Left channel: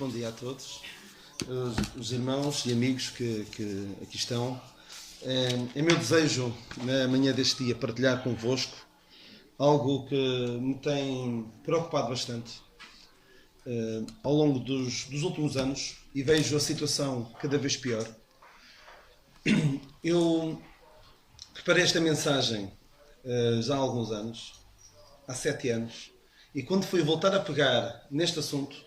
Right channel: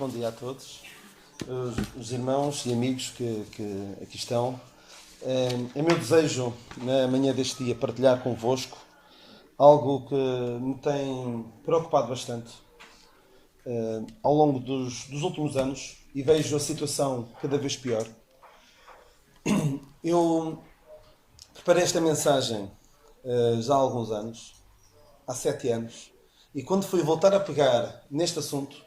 bom dia a todos, os irmãos e amigos que aqui estão. É meu desejo, na manhã deste dia, partilhar convosco algo que me tem preocupado bastante ao longo dos últimos anos, e vejo a situação cada vez pior. Eu preparei esta mensagem já há alguns anos, há 7 anos, e quando fui voltar a pegar neste assunto,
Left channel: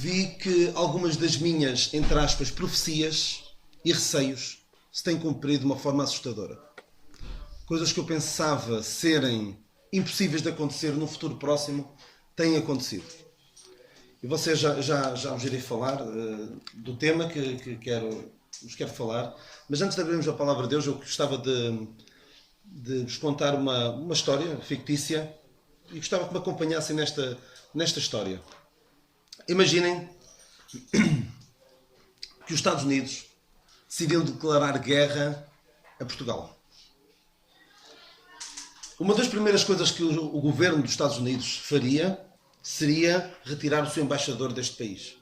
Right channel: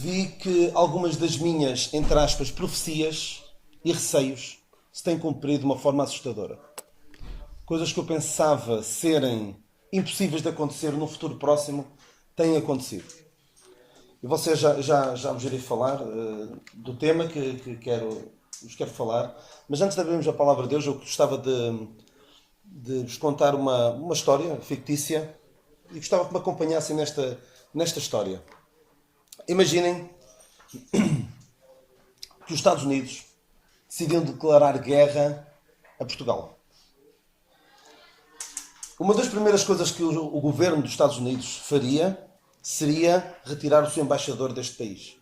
vi que algumas das minhas, entre aspas, profecias e receios se têm cumprido de uma forma assustadora. Coisas que eu pensava serem impossíveis de acontecer no futuro próximo têm acontecido. E vocês já vos irei falar do tema que vos quero falar, mas antes de abrirmos a palavra de Deus, eu gostava de vos contar uma história fictícia e gostava que me acompanhassem nesta história. Imaginem que os Estados Unidos decidiam declarar guerra a Portugal. Uma das primeiras coisas que o governo dos Estados Unidos faria seria retirar o seu embaixador deste país,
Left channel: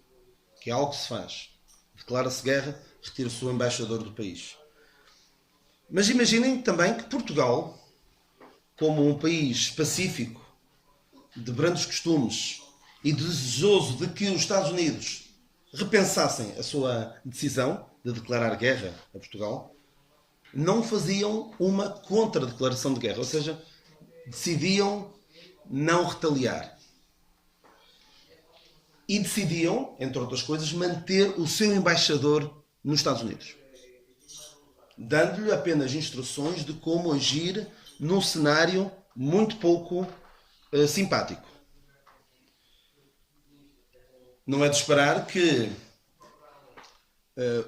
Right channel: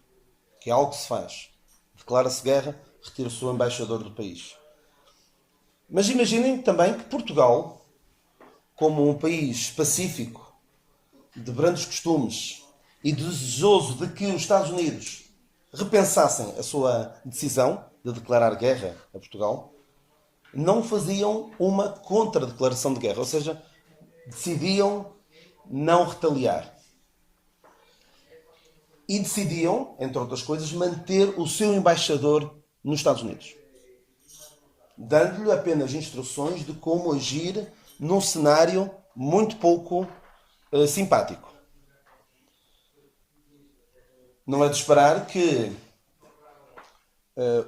que é algo que se faz. Declara-se guerra, retira o seu embaixador do país. Mas imaginem também que Portugal, como um país pacífico, de brandos costumes e desejoso de que os Estados Unidos repensassem a sua decisão de declarar guerra a Portugal, não faziam uma contra-declaração de guerra, ou seja, decidiam não retaliar. E decidiam, entre outras coisas, manter o seu embaixador nos Estados Unidos, dando-lhe apenas instruções de como agir num cenário muito pouco simpático. Não é de esperar que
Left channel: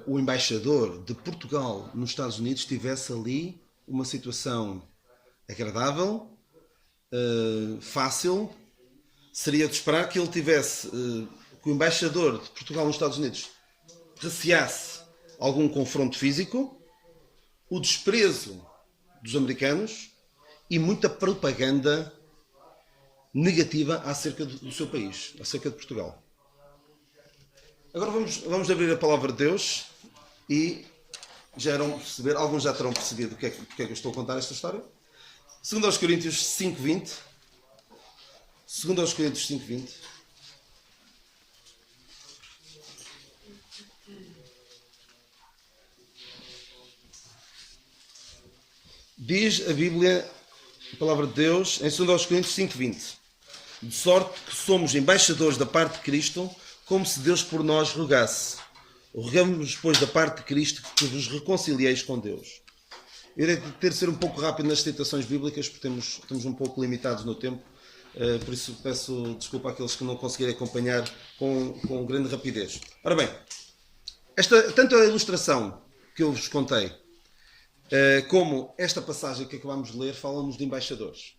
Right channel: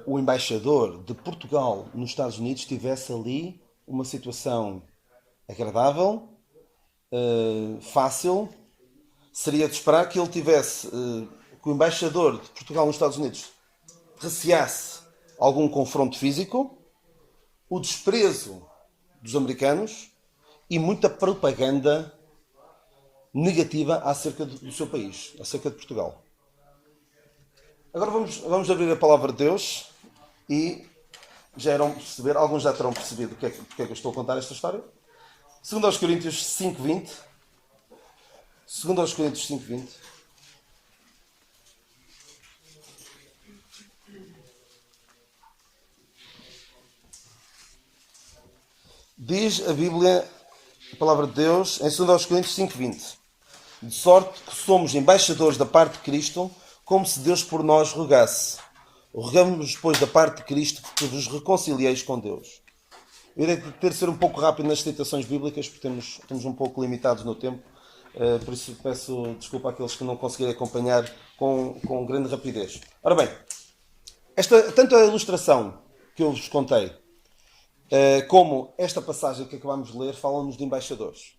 o embaixador de Portugal nos Estados Unidos tivesse ali uma situação agradável, fácil. Seria de esperar que ele tivesse, que o embaixador de Portugal nos Estados Unidos receasse algum confronto físico, o desprezo dos americanos e muita propaganda negativa acerca do seu país, acerca de Portugal. Agora vamos abrir a palavra de Deus e já irão perceber, alguns já terão percebido porque é que eu estou a contar esta história. 2 Coríntios 5:20. 2 Coríntios 5:20. Diz a Bíblia, a palavra de Deus, em 2 Coríntios 5:20. De sorte que somos embaixadores da parte de Cristo, como se Deus por nós rogasse. Rogamos-vos, pois, da parte de Cristo, que vos reconcilieis com Deus. Eu irei ter de ser um pouco rápido nas citações bíblicas, porque estamos um pouco limitados no tempo. Por isso peço desculpa àqueles que não conseguirem acompanhar com grande rapidez. Ora bem, tanto a ilustração que eu vos contei, como esta passagem que acabamos de ler, falam-nos de embaixadores.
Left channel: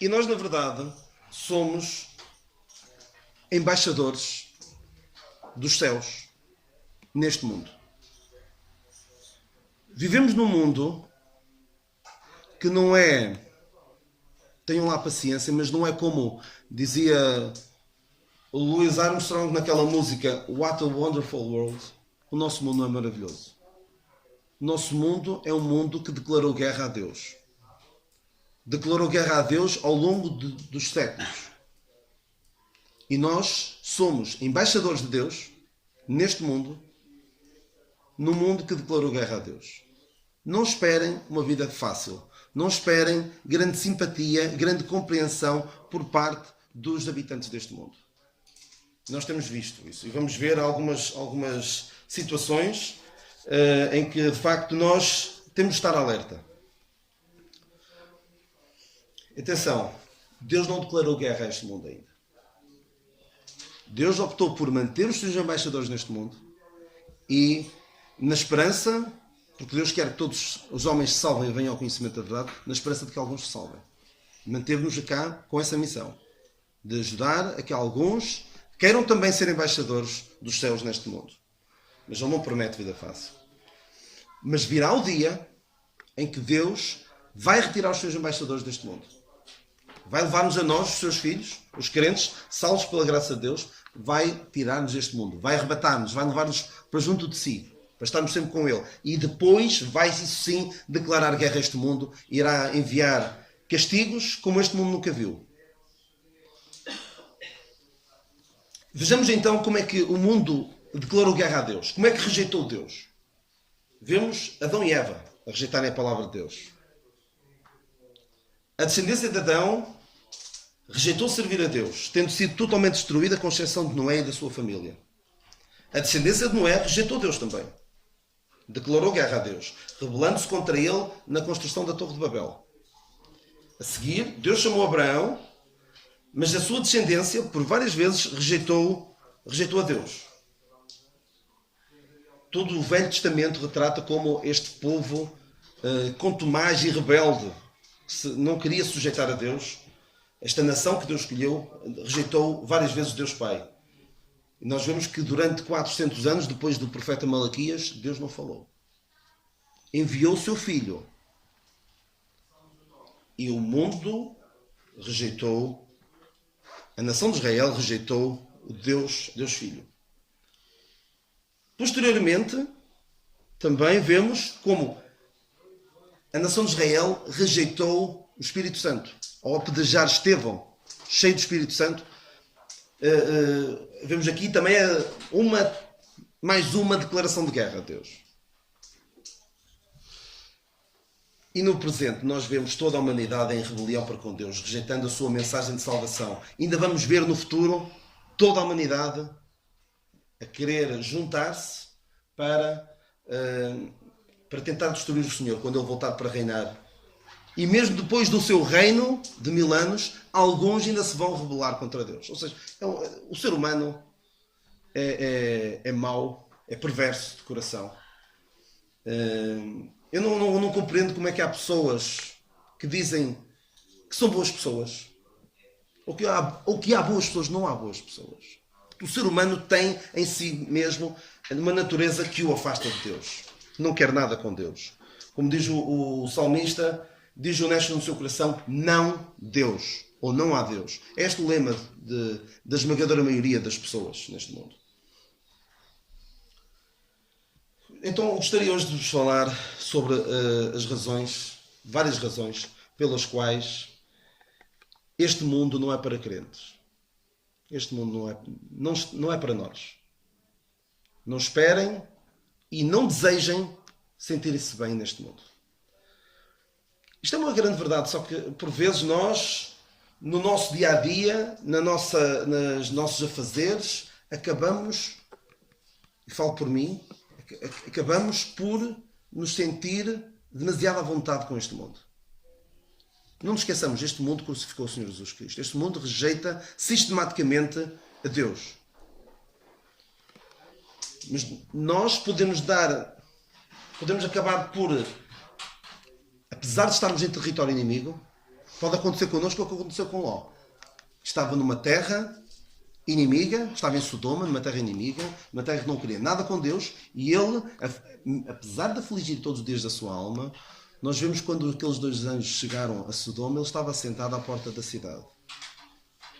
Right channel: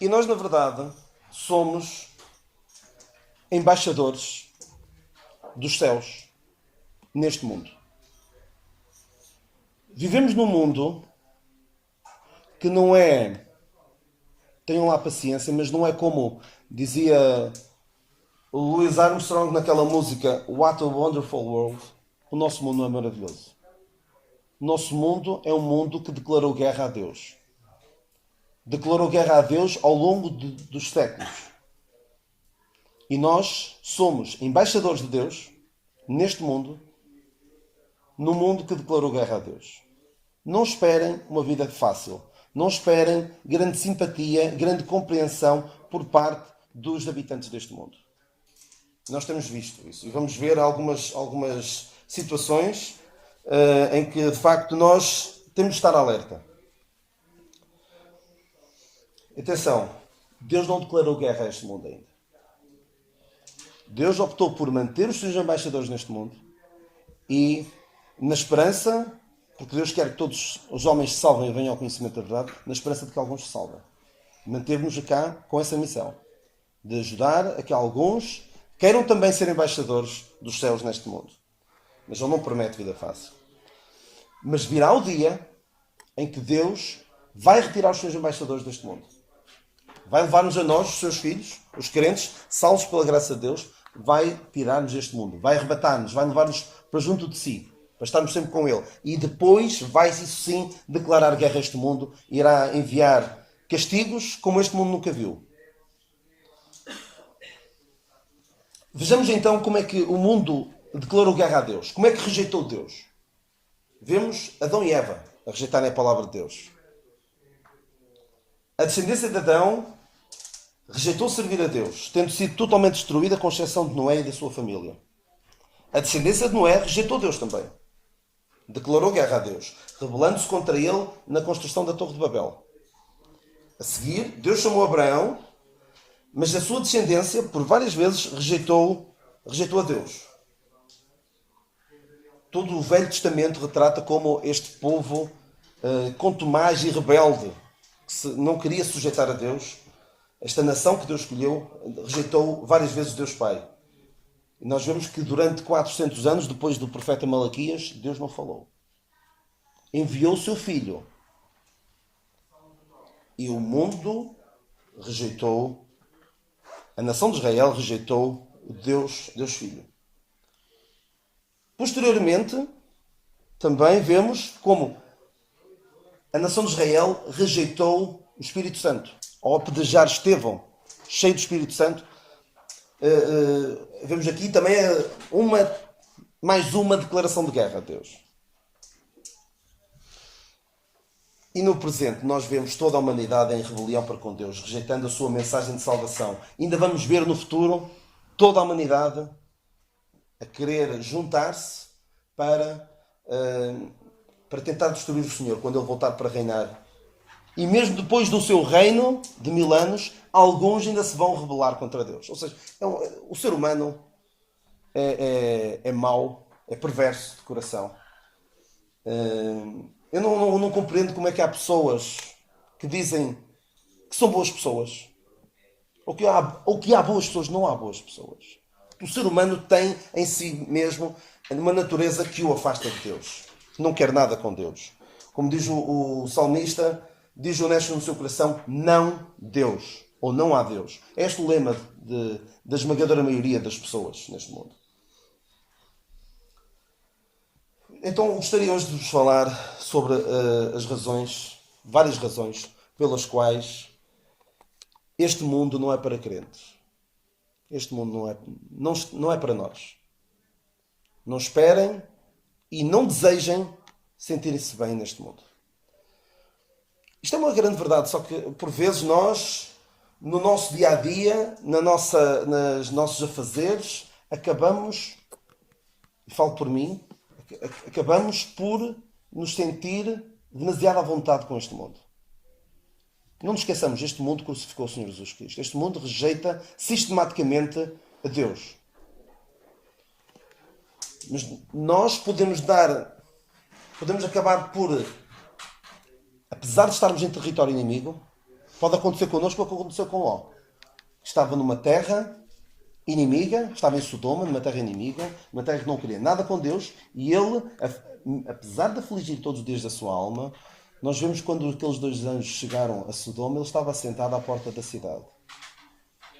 E nós, na verdade, somos embaixadores dos céus neste mundo. Vivemos num mundo que não é, tenham lá paciência, mas não é como dizia Louis Armstrong naquela música What a Wonderful World. O nosso mundo não é maravilhoso. O nosso mundo é um mundo que declarou guerra a Deus. Declarou guerra a Deus ao longo dos séculos. E nós somos embaixadores de Deus neste mundo, no mundo que declarou guerra a Deus. Não esperem uma vida fácil. Não esperem grande simpatia, grande compreensão por parte dos habitantes deste mundo. Nós temos visto isso. E vamos ver algumas situações em que, de facto, nós temos de estar alerta. Atenção, Deus não declarou guerra a este mundo ainda. Deus optou por manter os seus embaixadores neste mundo e, na esperança, porque Deus quer que todos os homens se salvem e venham ao conhecimento da verdade, na esperança de que alguns se salvem. Manteve-nos cá com essa missão, de ajudar a que alguns queiram também ser embaixadores dos céus neste mundo. Mas Ele não promete vida fácil. Mas virá o dia em que Deus vai retirar os seus embaixadores deste mundo. vai levar-nos a nós, os seus filhos, os crentes, salvos pela graça de Deus, vai tirar-nos deste mundo, vai arrebatar-nos, vai levar-nos para junto de si, para estarmos sempre com Ele. E depois vai, isso sim, declarar guerra a este mundo, irá enviar castigos como este mundo nunca viu. Vejamos então como é que o mundo declarou guerra a Deus. Como é que rejeitou Deus? Vemos Adão e Eva a rejeitarem a palavra de Deus. A descendência de Adão rejeitou servir a Deus, tendo sido totalmente destruída, com exceção de Noé e da sua família. A descendência de Noé rejeitou Deus também. Declarou guerra a Deus, rebelando-se contra ele na construção da Torre de Babel. A seguir, Deus chamou Abraão, mas a sua descendência, por várias vezes, rejeitou a Deus. Todo o Velho Testamento retrata como este povo contumaz e rebelde, que não queria sujeitar a Deus. Esta nação que Deus escolheu rejeitou várias vezes Deus Pai. E nós vemos que durante 400 anos, depois do profeta Malaquias, Deus não falou. Enviou o seu filho. E o mundo rejeitou, a nação de Israel rejeitou o Deus Filho. Posteriormente, também vemos como a nação de Israel rejeitou o Espírito Santo. Ao apedrejar Estevão, cheio do Espírito Santo, vemos aqui também mais uma declaração de guerra a Deus. E no presente nós vemos toda a humanidade em rebelião para com Deus, rejeitando a sua mensagem de salvação. Ainda vamos ver no futuro toda a humanidade a querer juntar-se para tentar destruir o Senhor quando Ele voltar para reinar. E mesmo depois do seu reino de 1000 anos, alguns ainda se vão rebelar contra Deus. Ou seja, o ser humano é mau, é perverso de coração. Eu não compreendo como é que há pessoas que dizem que são boas pessoas. Ou que há boas pessoas. Não há boas pessoas. O ser humano tem em si mesmo uma natureza que o afasta de Deus. Não quer nada com Deus. Como diz o salmista, diz honesto no seu coração, não Deus. Ou não há Deus. É este o lema da esmagadora maioria das pessoas neste mundo. Então gostaria hoje de vos falar sobre as razões, várias razões, pelas quais este mundo não é para crentes. Este mundo não é para nós. Não esperem e não desejem sentirem-se bem neste mundo. Isto é uma grande verdade, só que por vezes nós, no nosso dia-a-dia, nos nossos afazeres, acabamos, e falo por mim, acabamos por nos sentir demasiado à vontade com este mundo. Não nos esqueçamos, este mundo crucificou o Senhor Jesus Cristo. Este mundo rejeita sistematicamente a Deus. Mas nós podemos acabar por, apesar de estarmos em território inimigo, pode acontecer connosco o que aconteceu com Ló. Estava numa terra inimiga, estava em Sodoma, numa terra inimiga, numa terra que não queria nada com Deus, e ele, apesar de afligir todos os dias da sua alma, nós vemos quando aqueles 2 anjos chegaram a Sodoma, ele estava sentado à porta da cidade.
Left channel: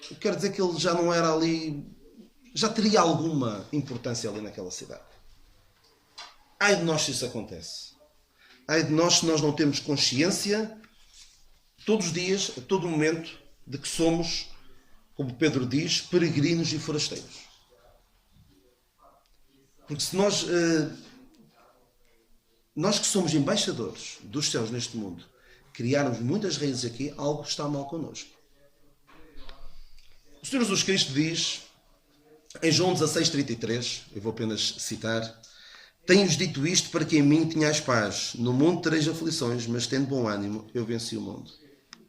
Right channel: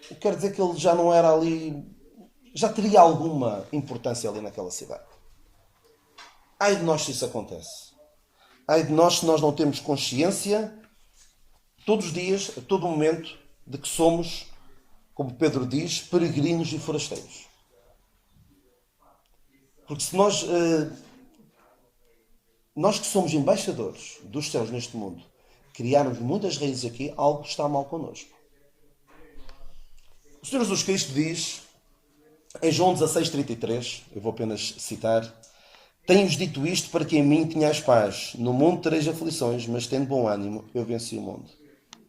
O que quer dizer que ele já não era ali, já teria alguma importância ali naquela cidade. Ai de nós se isso acontece. Ai de nós se nós não temos consciência, todos os dias, a todo momento, de que somos, como Pedro diz, peregrinos e forasteiros. Porque se nós que somos embaixadores dos céus neste mundo, criarmos muitas raízes aqui, algo está mal connosco. O Senhor Jesus Cristo diz, em João 16:33, eu vou apenas citar, tenho-vos dito isto para que em mim tenhais paz. No mundo tereis aflições, mas tendo bom ânimo, eu venci o mundo.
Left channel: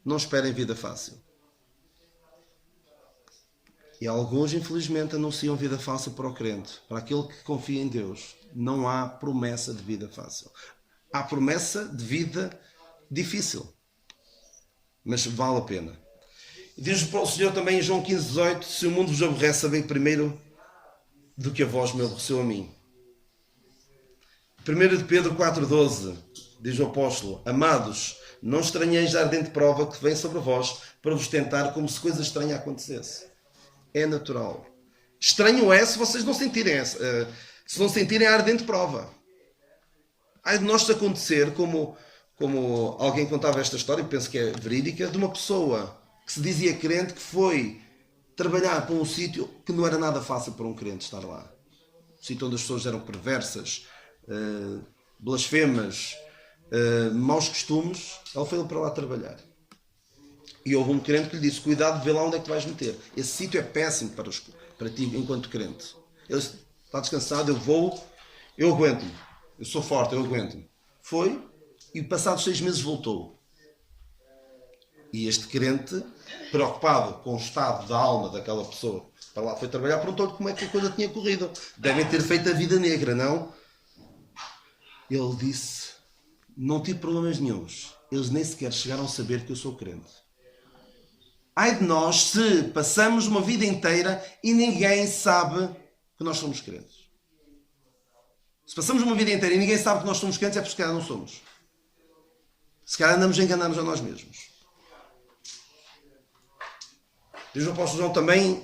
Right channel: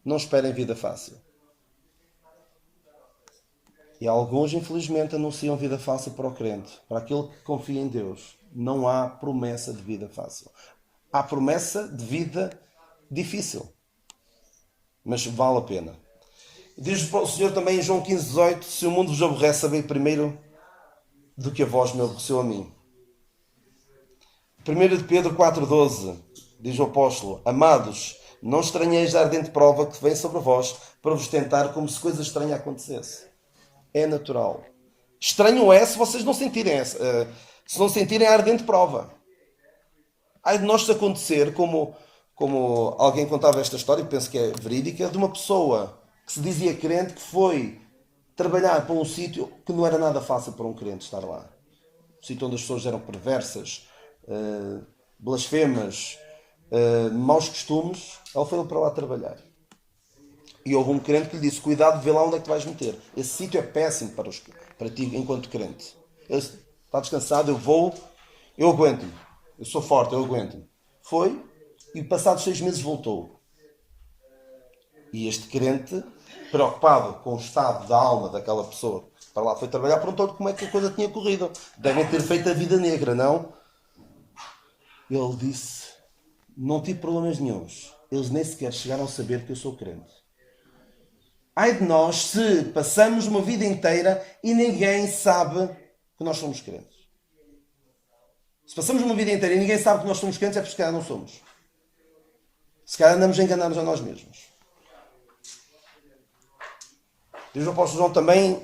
Não esperem vida fácil. E alguns, infelizmente, anunciam vida fácil para o crente. Para aquele que confia em Deus, não há promessa de vida fácil. Há promessa de vida difícil. Mas vale a pena. Diz o Senhor também em João 15:18, se o mundo vos aborrece, sabei primeiro do que a vós me aborreceu a mim. 1 de Pedro 4:12, diz o apóstolo, amados, não estranheis a ardente prova que vem sobre vós para vos tentar como se coisa estranha acontecesse. É natural. Estranho é se vocês não sentirem se não sentirem a ardente prova. Ai de nós acontecer, como alguém contava esta história, e penso que é verídica, de uma pessoa que se dizia crente, que foi trabalhar para um sítio que não era nada fácil para um crente estar lá. Um sítio onde as pessoas eram perversas, blasfemas, maus costumes. Ele foi para lá trabalhar. E houve um crente que lhe disse: cuidado de ver lá onde é que tu vais meter. Esse sítio é péssimo para ti enquanto crente. Ele disse: está descansado, eu aguento-me. Eu sou forte, eu aguento-me. Foi, e passados 6 meses voltou. E este crente, preocupado com o estado da alma daquela pessoa, para lá foi trabalhar, perguntou-lhe como é que a coisa tinha corrido. Devem ter feito a vida negra, não? Ele disse: não tive problemas nenhuns. Eles nem sequer chegaram a saber que eu sou crente. Ai de nós se passamos uma vida inteira e ninguém sabe que nós somos crentes. Se passamos uma vida inteira e ninguém sabe que nós somos crentes, é porque se calhar não somos. Se calhar andamos a enganar-nos a nós mesmos. Diz o apóstolo João também,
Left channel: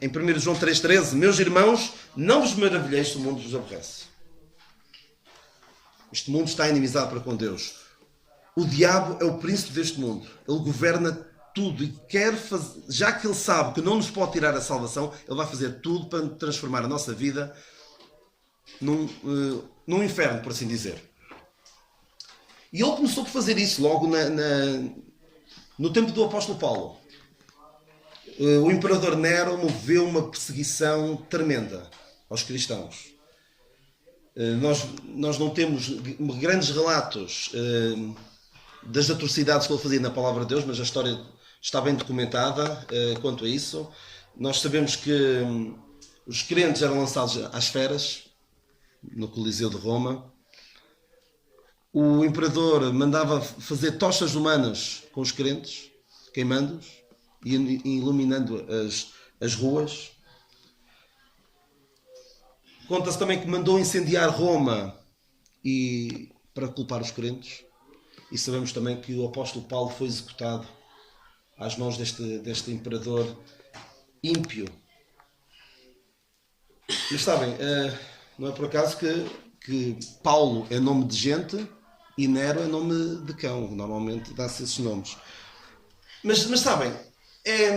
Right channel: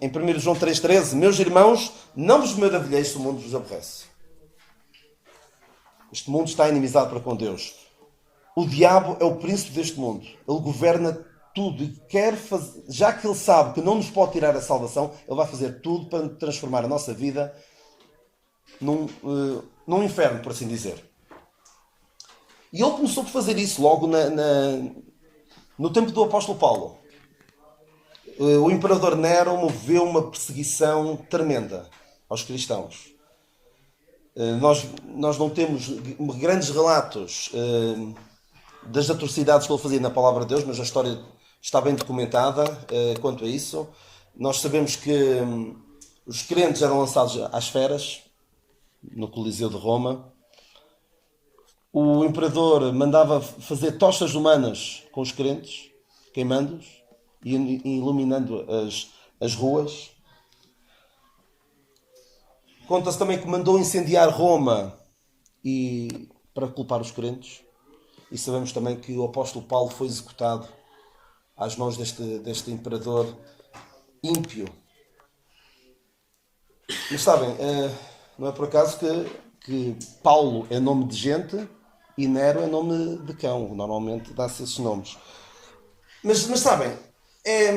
em 1 João 3,13: meus irmãos, não vos maravilheis se o mundo vos aborrece. Este mundo está inimizado para com Deus. O diabo é o príncipe deste mundo. Ele governa tudo e quer fazer, já que ele sabe que não nos pode tirar a salvação, ele vai fazer tudo para transformar a nossa vida num inferno, por assim dizer. E ele começou por fazer isso logo no tempo do apóstolo Paulo. O imperador Nero moveu uma perseguição tremenda aos cristãos. Nós não temos grandes relatos das atrocidades que ele fazia na palavra de Deus, mas a história está bem documentada quanto a isso. Nós sabemos que os crentes eram lançados às feras no Coliseu de Roma. O imperador mandava fazer tochas humanas com os crentes, queimando-os e iluminando as ruas. Conta-se também que mandou incendiar Roma para culpar os crentes. E sabemos também que o apóstolo Paulo foi executado às mãos deste imperador ímpio. Mas sabem, não é por acaso que Paulo é nome de gente e Nero é nome de cão. Normalmente dá-se esses nomes. Mas sabem, é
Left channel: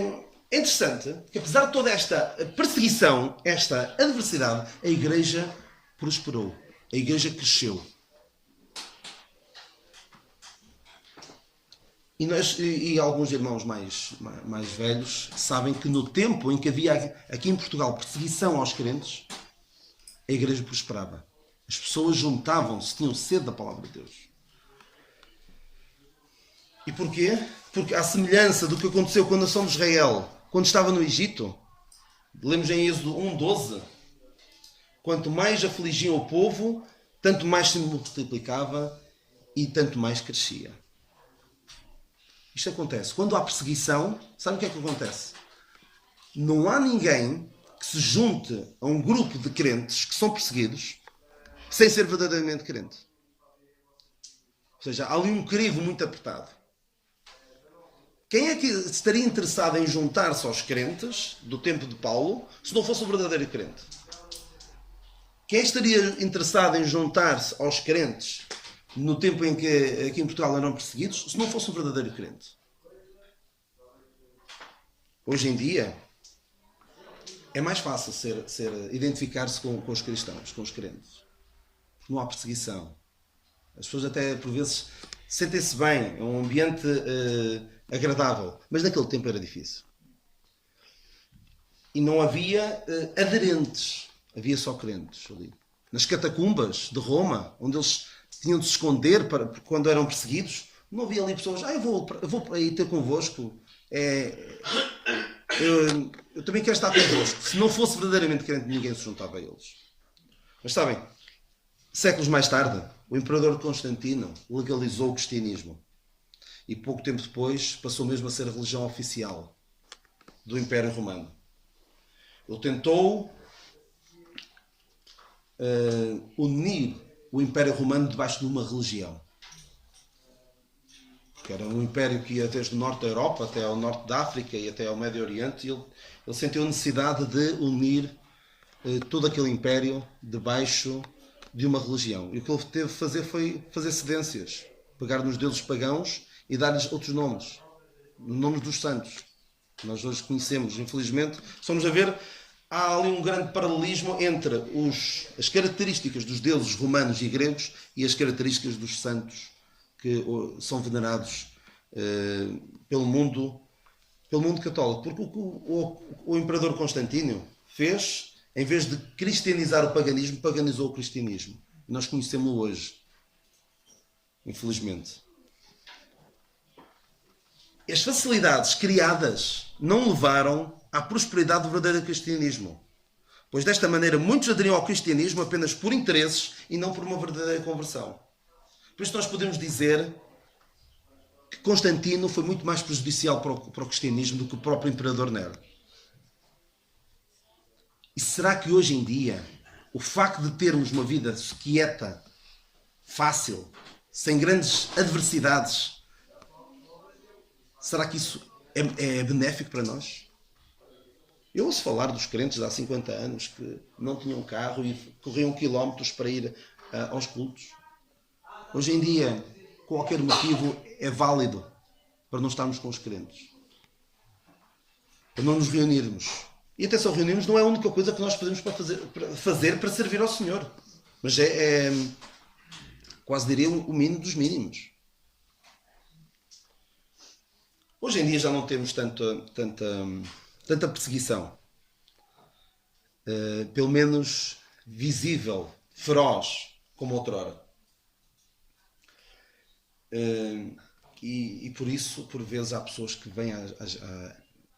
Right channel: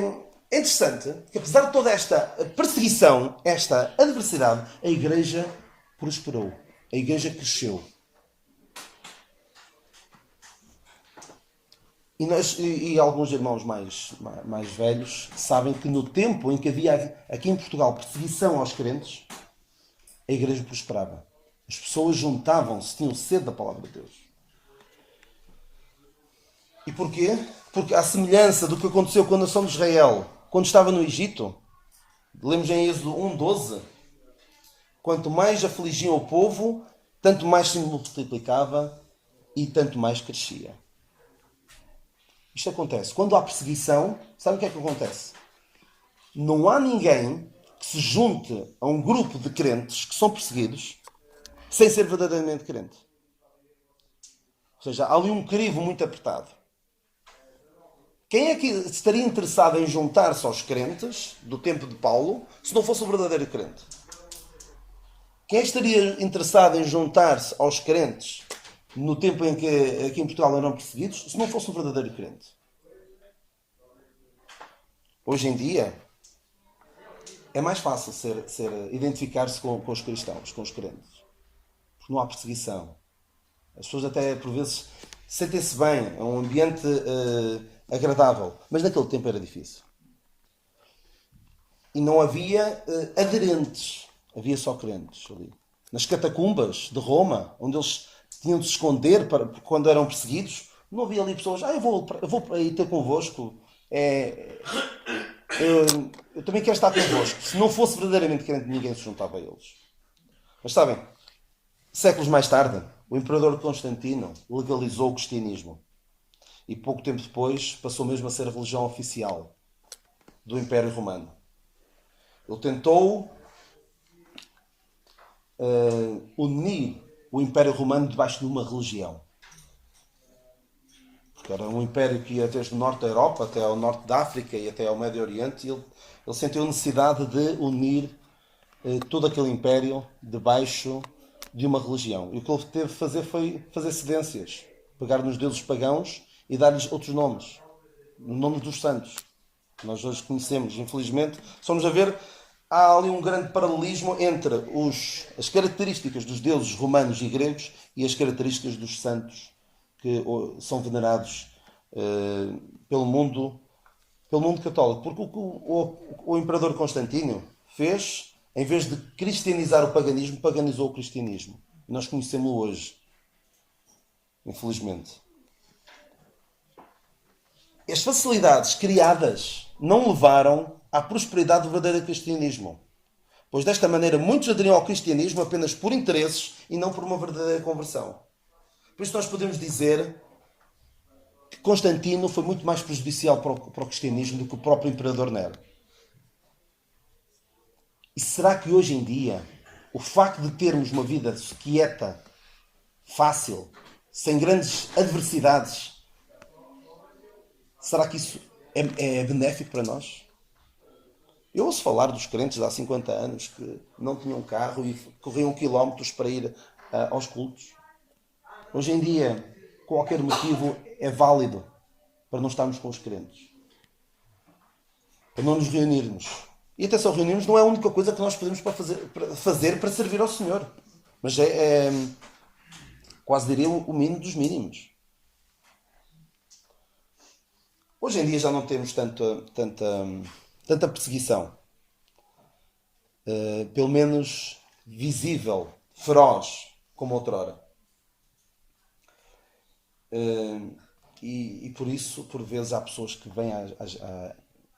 interessante que apesar de toda esta perseguição, esta adversidade, a igreja prosperou. A igreja cresceu. E alguns irmãos mais velhos sabem que no tempo em que havia aqui em Portugal perseguição aos crentes, a igreja prosperava. As pessoas juntavam-se, tinham sede da palavra de Deus. E porquê? Porque à semelhança do que aconteceu com a nação de Israel, quando estava no Egito, lemos em Êxodo 1:12, quanto mais afligiam o povo, tanto mais se multiplicava e tanto mais crescia. Isto acontece. Quando há perseguição, sabe o que é que acontece? Não há ninguém que se junte a um grupo de crentes que são perseguidos sem ser verdadeiramente crente. Ou seja, há ali um crivo muito apertado. Quem é que estaria interessado em juntar-se aos crentes do tempo de Paulo se não fosse o verdadeiro crente? Quem estaria interessado em juntar-se aos crentes no tempo em que aqui em Portugal eram perseguidos se não fosse o verdadeiro crente? Hoje em dia é mais fácil identificar-se com os cristãos, com os crentes. Porque não há perseguição. As pessoas até por vezes sentem-se bem, é um ambiente agradável, mas naquele tempo era difícil. E não havia aderentes, havia só crentes ali. Nas catacumbas de Roma, onde eles tinham de se esconder quando eram perseguidos, não havia ali pessoas: eu vou aí ter convosco, eu também quero estar convosco. Se não fosse verdadeiramente crente, ninguém se juntava a eles. Mas sabem, séculos mais tarde, o imperador Constantino legalizou o cristianismo. E pouco tempo depois passou mesmo a ser a religião oficial do Império Romano. Ele tentou unir o Império Romano debaixo de uma religião. que era um império que ia desde o norte da Europa até ao norte da África e até ao Médio Oriente, e ele sentiu a necessidade de unir todo aquele império debaixo de uma religião. E o que ele teve de fazer foi fazer cedências, pegar nos deuses pagãos e dar-lhes outros nomes, nomes dos santos, que nós hoje conhecemos. Infelizmente, estamos a ver, há ali um grande paralelismo entre as características dos deuses romanos e gregos e as características dos santos que são venerados pelo mundo católico. Porque o imperador Constantino fez, em vez de cristianizar o paganismo, paganizou o cristianismo. E nós conhecemos-lo hoje, infelizmente. As facilidades criadas não levaram à prosperidade do verdadeiro cristianismo, pois desta maneira muitos aderiam ao cristianismo apenas por interesses e não por uma verdadeira conversão. Por isso nós podemos dizer que Constantino foi muito mais prejudicial para o cristianismo do que o próprio imperador Nero. E será que hoje em dia o facto de termos uma vida quieta, fácil, sem grandes adversidades, será que isso é benéfico para nós? Eu ouço falar dos crentes de há 50 anos que não tinham carro e corriam quilómetros para ir aos cultos. Hoje em dia, qualquer motivo é válido para não estarmos com os crentes, para não nos reunirmos. E até só reunirmos não é a única coisa que nós podemos fazer para servir ao Senhor, mas é quase diria o mínimo dos mínimos. Hoje em dia já não temos tanta perseguição, pelo menos visível, feroz, como outrora. E por isso, por vezes, há pessoas que vêm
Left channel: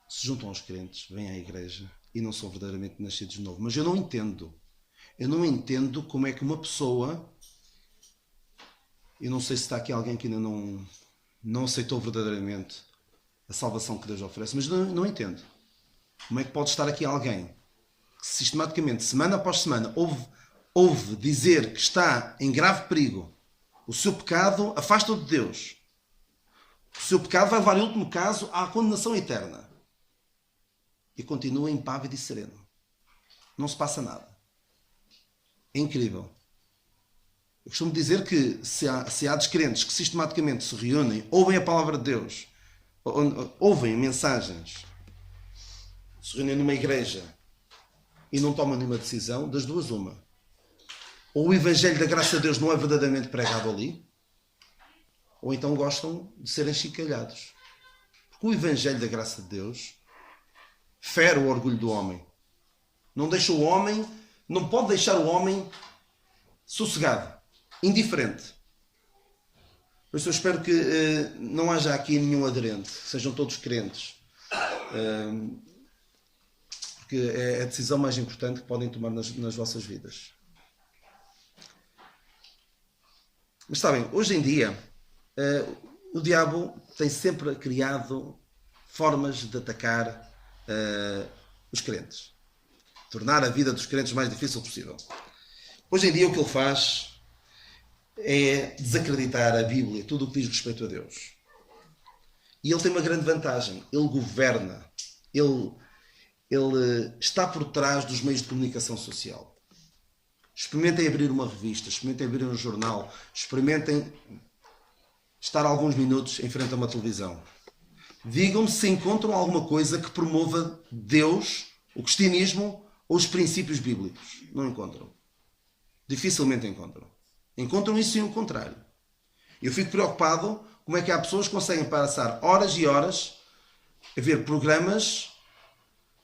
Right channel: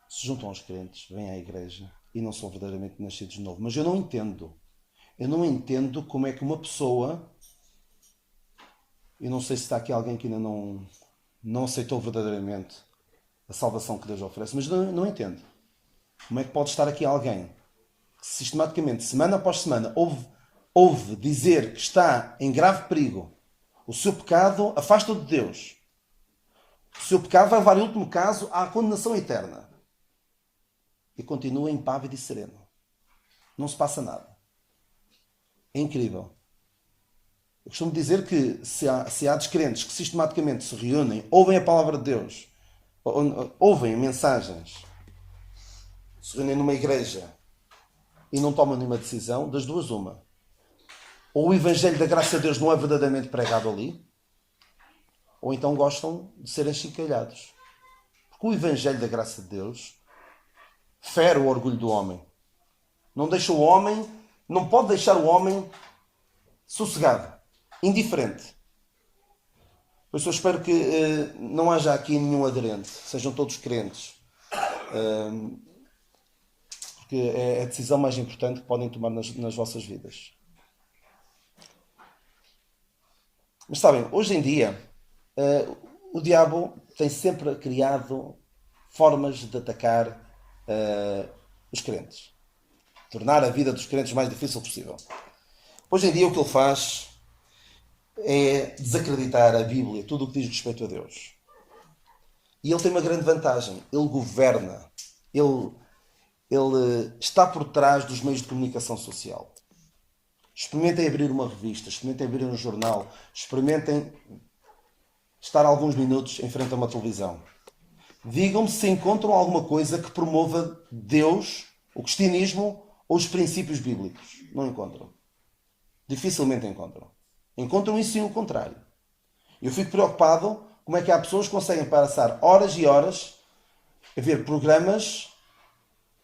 se juntam aos crentes, vêm à igreja e não são verdadeiramente nascidos de novo. Mas eu não entendo. Eu não entendo como é que uma pessoa... Eu não sei se está aqui alguém que ainda não aceitou verdadeiramente a salvação que Deus oferece, mas não entendo. Como é que pode estar aqui alguém que sistematicamente, semana após semana, ouve dizer que está em grave perigo, o seu pecado afasta-o de Deus, o seu pecado vai levar, em último caso, à condenação eterna, e continua impávido e sereno. Não se passa nada. É incrível. Eu costumo dizer que se há descrentes que sistematicamente se reúnem, ouvem a palavra de Deus, ouvem mensagens, se reúnem numa igreja e não tomam nenhuma decisão, das duas uma. Ou o Evangelho da graça de Deus não é verdadeiramente pregado ali, ou então gostam de serem chincalhados. Porque o Evangelho da graça de Deus fere o orgulho do homem. Não pode deixar o homem sossegado, indiferente. Por isso eu espero que não haja aqui nenhum aderente, sejam todos crentes. Porque é a decisão mais importante que podem tomar nas vossas vidas. Mas sabem, hoje em dia, o diabo tem sempre criado formas de atacar os crentes. Tornar a vida dos crentes o mais difícil possível. Hoje em dia o que ele faz é desacreditar a Bíblia, tudo o que diz respeito a Deus. E ele tem uma grande vantagem. Ele governa. Ele está por trás dos meios de comunicação social. Experimentem abrir uma revista, experimentem abrir um jornal, experimentem estar alguns minutos em frente a uma televisão. Digam-me se encontram alguma coisa que promova Deus, o cristianismo ou os princípios bíblicos. Não encontram. Dificilmente encontram. Encontram isso e o contrário. Eu fico preocupado como é que há pessoas que conseguem passar horas e horas a ver programas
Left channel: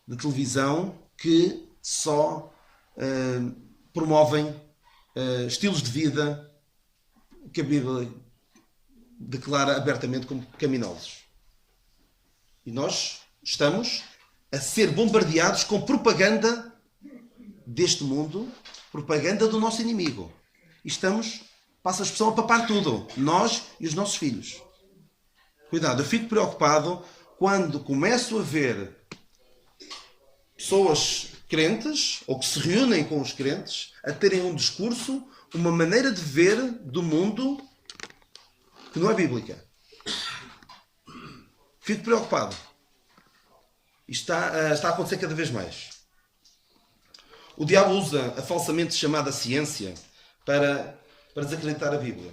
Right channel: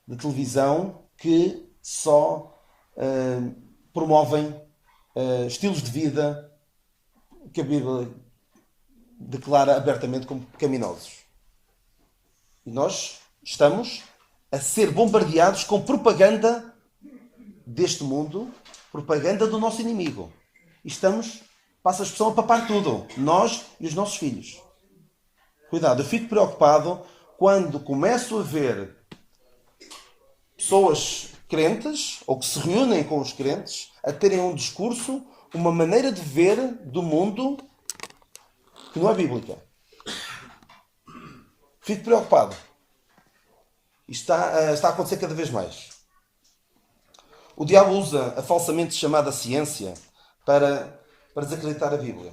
de televisão que só promovem estilos de vida que a Bíblia declara abertamente como pecaminosos. E nós estamos a ser bombardeados com propaganda deste mundo, propaganda do nosso inimigo. E estamos, passa a expressão, a papar tudo. Nós e os nossos filhos. Cuidado, eu fico preocupado quando começo a ver pessoas crentes, ou que se reúnem com os crentes, a terem um discurso, uma maneira de ver do mundo que não é bíblica. Fico preocupado. Isto está a acontecer cada vez mais. O diabo usa a falsamente chamada ciência para desacreditar a Bíblia.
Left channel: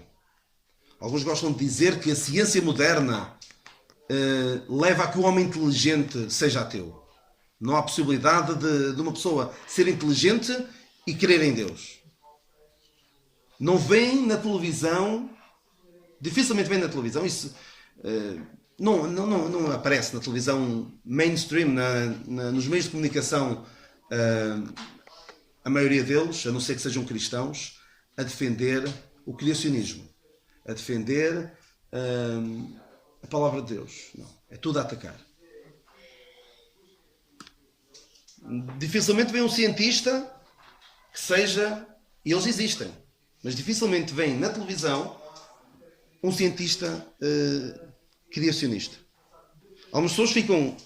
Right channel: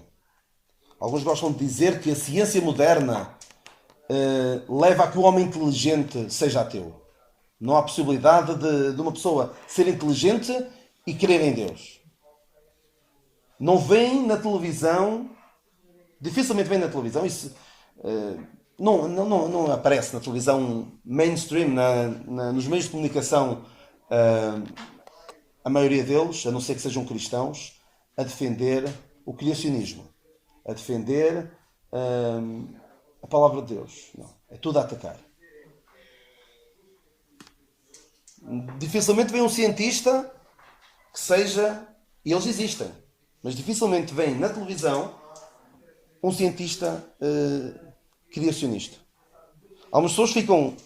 Alguns gostam de dizer que a ciência moderna leva a que o homem inteligente seja ateu. Não há possibilidade de uma pessoa ser inteligente e crer em Deus. Não vem na televisão, dificilmente vem na televisão, isso não aparece na televisão mainstream, nos meios de comunicação, a maioria deles, a não ser que sejam cristãos, a defender o criacionismo, a defender a palavra de Deus. Não, é tudo a atacar. Dificilmente vem um cientista que seja, e eles existem, mas dificilmente vem na televisão um cientista criacionista. Algumas pessoas ficam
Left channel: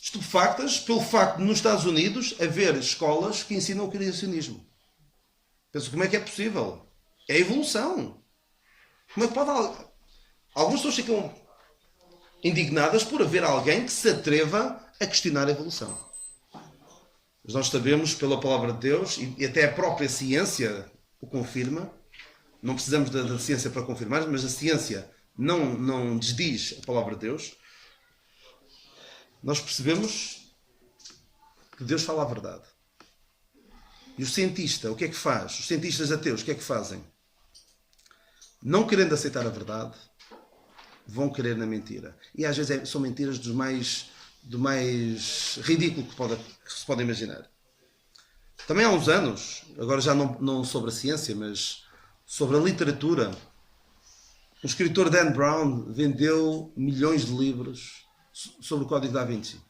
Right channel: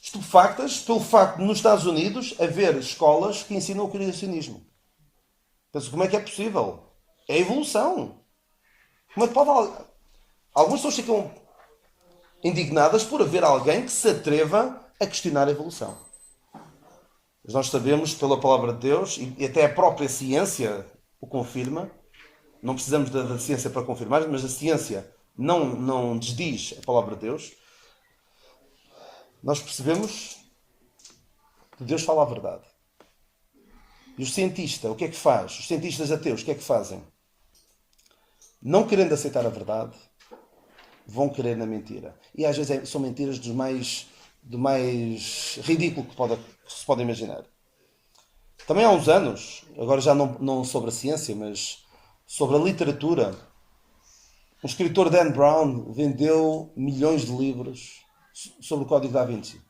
estupefactas pelo facto de nos Estados Unidos haver escolas que ensinam o criacionismo. Penso, como é que é possível? É a evolução. Como é que pode... Algumas pessoas ficam indignadas por haver alguém que se atreva a questionar a evolução. Mas nós sabemos, pela palavra de Deus, e até a própria ciência o confirma, não precisamos da ciência para confirmar, mas a ciência não desdiz a palavra de Deus, nós percebemos que Deus fala a verdade. E o cientista, o que é que faz? Os cientistas ateus, o que é que fazem? Não querendo aceitar a verdade, vão querer na mentira. E às vezes são mentiras do mais ridículo que se pode imaginar. Também há uns anos, agora já não sobre a ciência, mas sobre a literatura, o escritor Dan Brown vendeu milhões de livros sobre o Código da Vinci,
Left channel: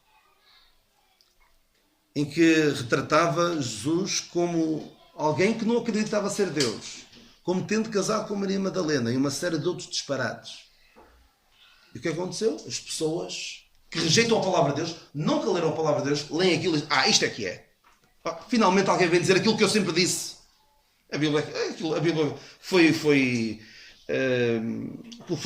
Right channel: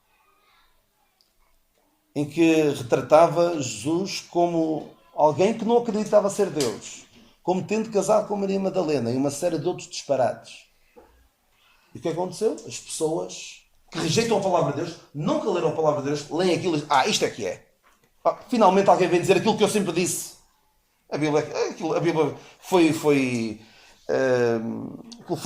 em que retratava Jesus como alguém que não acreditava ser Deus, como tendo casado com Maria Madalena e uma série de outros disparates. E o que aconteceu? As pessoas que rejeitam a palavra de Deus, nunca leram a palavra de Deus, leem aquilo e dizem, isto é que é. Finalmente alguém vem dizer aquilo que eu sempre disse. A Bíblia foi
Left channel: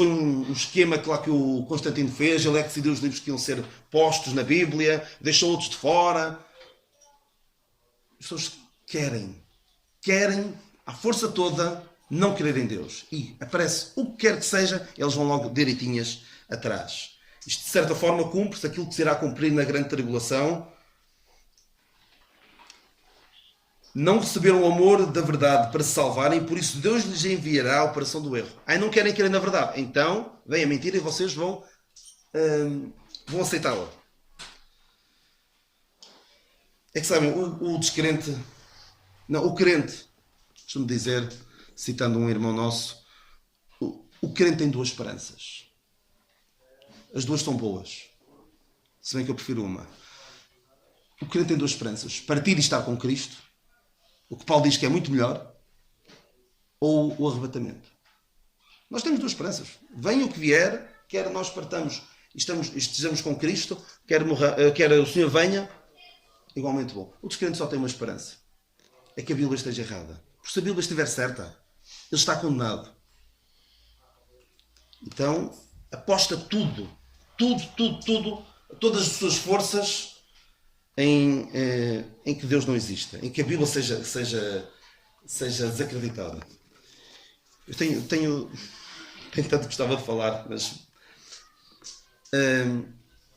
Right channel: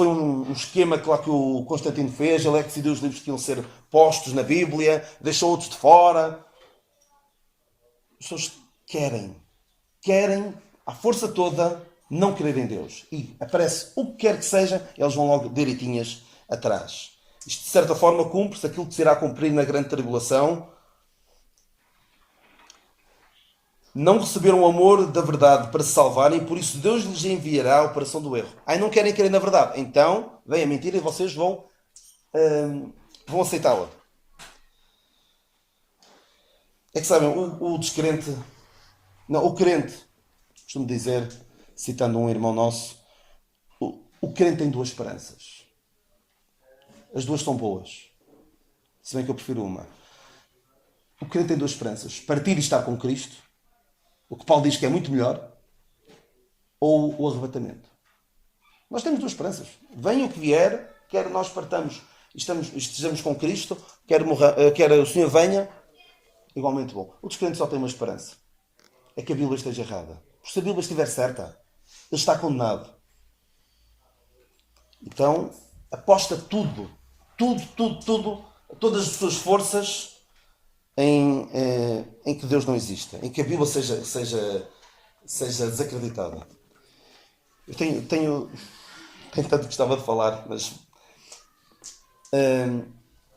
um esquema que o Constantino fez. Ele é que decidiu os livros que iam ser postos na Bíblia, deixou outros de fora. As pessoas querem à força toda não crer em Deus. E aparece o que quer que seja, eles vão logo direitinhas atrás. Isto de certa forma cumpre-se aquilo que se irá cumprir na grande tribulação. Não receberam o amor da verdade para se salvarem e por isso Deus lhes enviará a operação do erro. Não querem crer na verdade. Então, vem a mentira e vocês vão aceitá-la. É que sabem, o descrente... Não, o crente, costumo dizer, citando um irmão nosso, o crente tem duas esperanças. As duas são boas. Se bem que eu prefiro uma. O crente tem duas esperanças. Partir e estar com Cristo, o que Paulo diz que é muito melhor, ou o arrebatamento. Nós temos duas esperanças. Venha o que vier, quer nós partamos e estejamos com Cristo, quer o Senhor venha, igualmente bom. O descrente só tem uma esperança. É que a Bíblia esteja errada. Porque se a Bíblia estiver certa, ele está condenado. Então, aposta tudo, todas as suas forças em que Deus não exista, em que a Bíblia seja desacreditada. Eu tenho tanto que gostava de falar, mas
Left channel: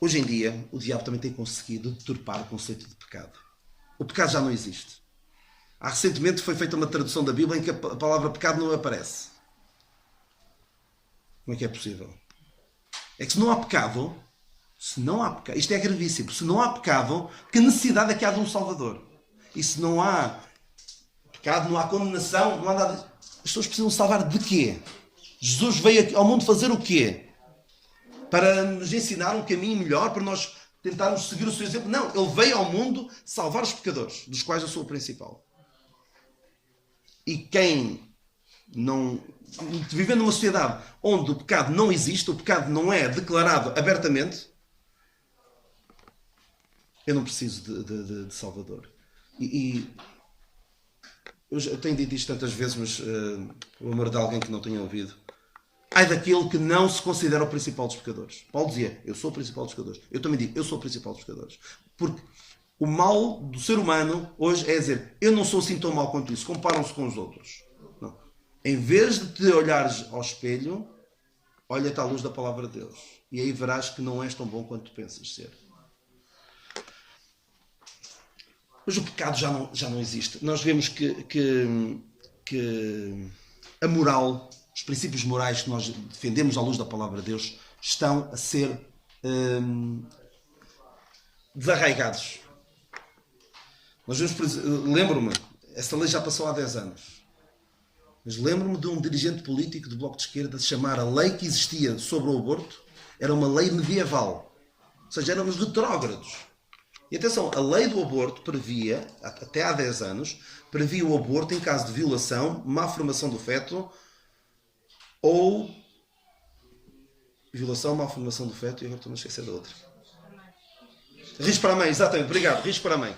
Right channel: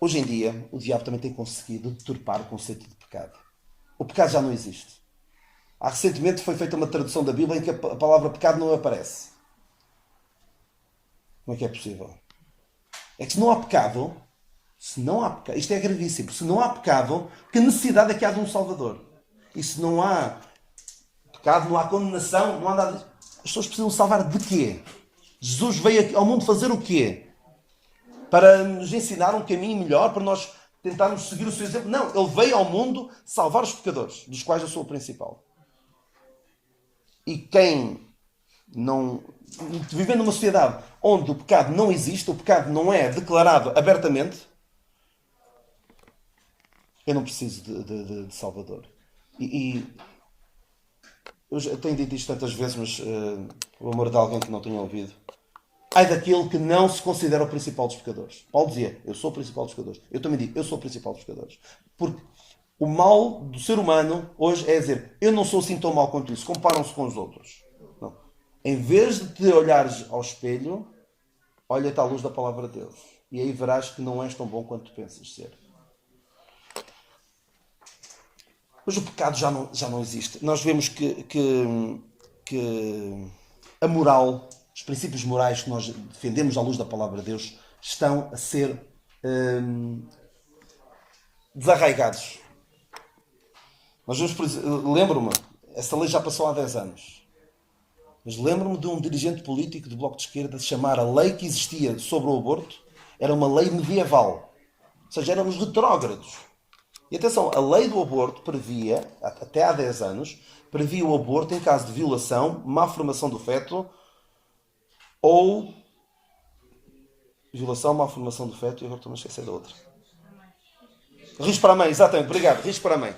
hoje em dia o diabo também tem conseguido deturpar o conceito de pecado. O pecado já não existe. Recentemente foi feita uma tradução da Bíblia em que a palavra pecado não aparece. Como é que é possível? É que se não há pecado, isto é gravíssimo, se não há pecado, que necessidade é que há de um Salvador? E se não há pecado, não há condenação, não há nada. As pessoas precisam salvar de quê? Jesus veio ao mundo fazer o quê? Para nos ensinar um caminho melhor, para nós tentarmos seguir o seu exemplo? Não, ele veio ao mundo salvar os pecadores, dos quais eu sou o principal. E quem não... Vivendo numa sociedade onde o pecado não existe, o pecado não é declarado abertamente, eu não preciso de Salvador. Eu já tenho dito isto tantas vezes, mas por amor de alguém que não tenha ouvido, ai daquele que não se considera o principal dos pecadores. Paulo dizia, eu sou o principal dos pecadores. Eu também digo, eu sou o principal dos pecadores. Porque o mal do ser humano hoje é dizer, eu não sou assim tão mal quanto isso, comparam-se com os outros. Não. Em vez de te olhares ao espelho, olha-te à luz da palavra de Deus. E aí verás que não és tão bom quanto tu pensas ser. Mas o pecado já não existe. Nós vemos que a moral, os princípios morais que nós defendemos à luz da palavra de Deus, estão a ser desarraigados. Nós vemos, lembro-me, essa lei já passou há 10 anos. Mas lembro-me de um dirigente político do Bloco de Esquerda de chamar a lei que existia sobre o aborto, era uma lei medieval. Ou seja, éramos retrógrados. E atenção, a lei do aborto previa, até há 10 anos, previa o aborto em caso de violação, má formação do feto ou... Violação, má formação do feto, e agora estou-me a esquecer da outra. Risco para a mãe, exatamente, obrigado, risco para a mãe.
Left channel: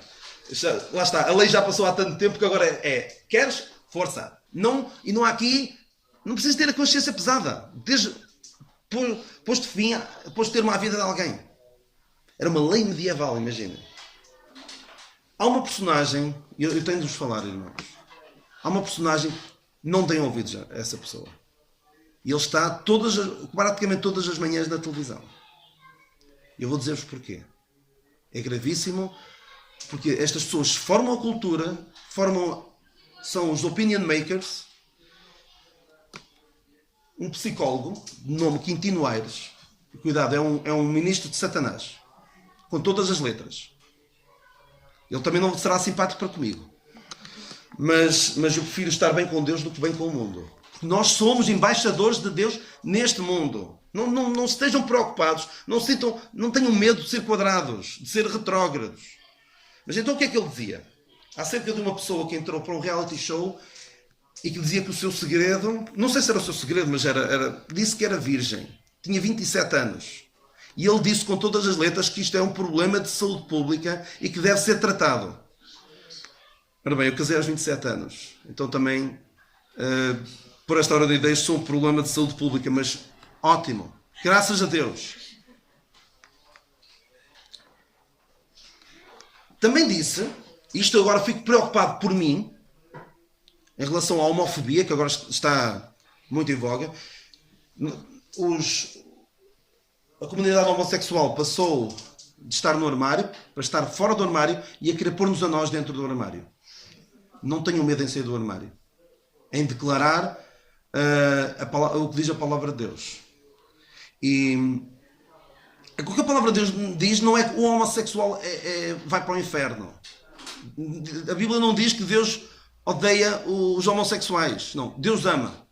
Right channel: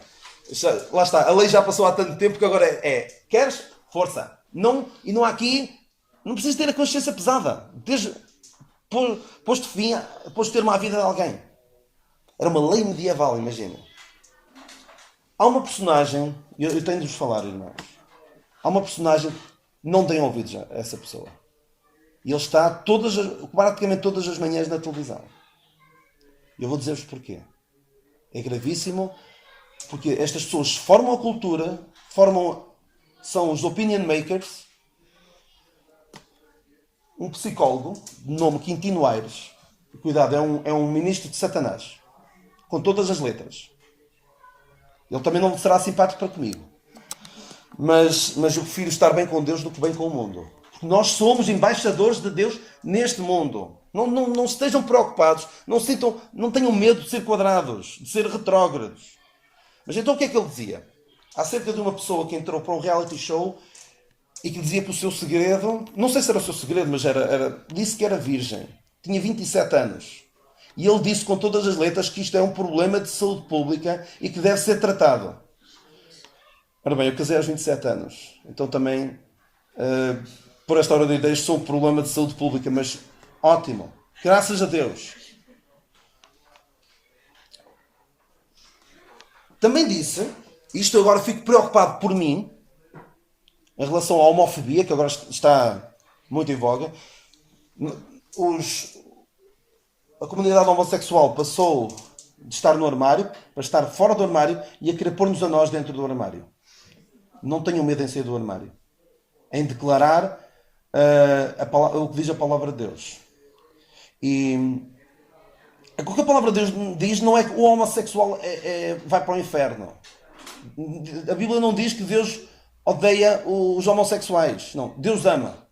Lá está, a lei já passou há tanto tempo que agora queres? Força. Não, e não há aqui, não precisas ter a consciência pesada. Posto fim, posto termo à vida de alguém. Era uma lei medieval, imagina. Há uma personagem, eu tenho de vos falar, irmãos. Há uma personagem, não deem ouvidos a essa pessoa. E ele está praticamente todas as manhãs na televisão. E eu vou dizer-vos porquê. É gravíssimo, porque estas pessoas formam a cultura, são os opinion makers. Um psicólogo, de nome Quintino Aires, cuidado, é um ministro de Satanás, com todas as letras. Ele também não será simpático para comigo. Mas eu prefiro estar bem com Deus do que bem com o mundo. Porque nós somos embaixadores de Deus neste mundo. Não estejam preocupados, não tenham medo de ser quadrados, de ser retrógrados. Mas então o que é que ele dizia? Acerca de uma pessoa que entrou para um reality show e que dizia que o seu segredo, não sei se era o seu segredo, mas disse que era virgem. Tinha 27 anos. E ele disse com todas as letras que isto é um problema de saúde pública e que deve ser tratado. Ora bem, eu casei aos 27 anos. Então também, por esta hora de ideias, sou um problema de saúde pública, mas ótimo. Graças a Deus. Também disse, isto agora fico preocupado por mim, em relação à homofobia, que agora está muito em voga. A comunidade homossexual passou de estar no armário para estar fora do armário e a querer pôr-nos a nós dentro do armário. Não tenham medo em sair do armário. Em declarar o que diz a palavra de Deus. E o que a palavra de Deus diz não é que o homossexual vai para o inferno. A Bíblia não diz que Deus odeia os homossexuais. Não, Deus ama.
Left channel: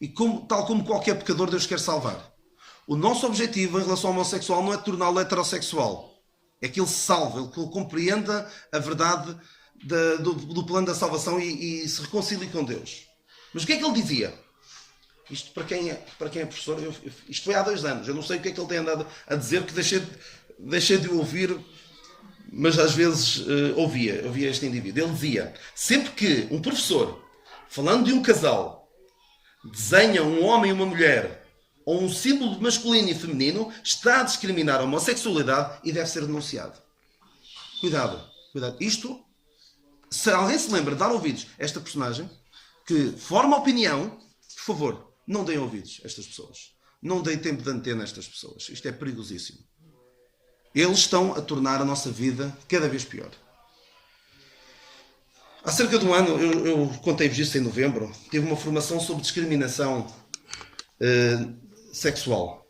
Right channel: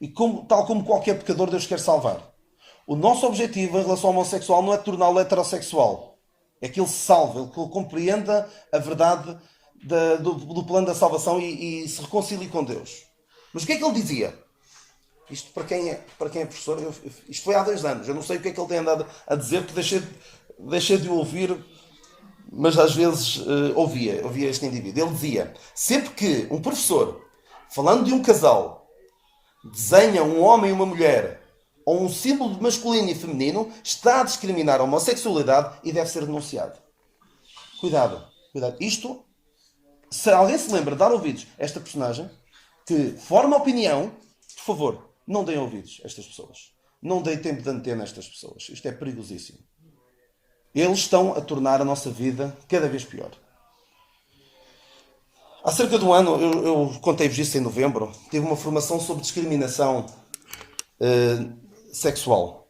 E tal como qualquer pecador, Deus quer salvar. O nosso objetivo em relação ao homossexual não é torná-lo heterossexual. É que ele se salve, que ele compreenda a verdade do plano da salvação e se reconcilie com Deus. Mas o que é que ele dizia? Isto para quem é professor, isto foi há 2 anos. Eu não sei o que é que ele tem andado a dizer, que deixei de o ouvir, mas às vezes ouvia este indivíduo. Ele dizia, sempre que um professor, falando de um casal, desenha um homem e uma mulher, ou um símbolo masculino e feminino, está a discriminar a homossexualidade e deve ser denunciado. Cuidado. Isto, se alguém se lembra de dar ouvidos a esta personagem, que forma opinião, por favor, não deem ouvidos a estas pessoas. Não deem tempo de antena a estas pessoas. Isto é perigosíssimo. Eles estão a tornar a nossa vida cada vez pior. Há cerca de um ano, eu contei-vos isso em novembro, tive uma formação sobre discriminação sexual.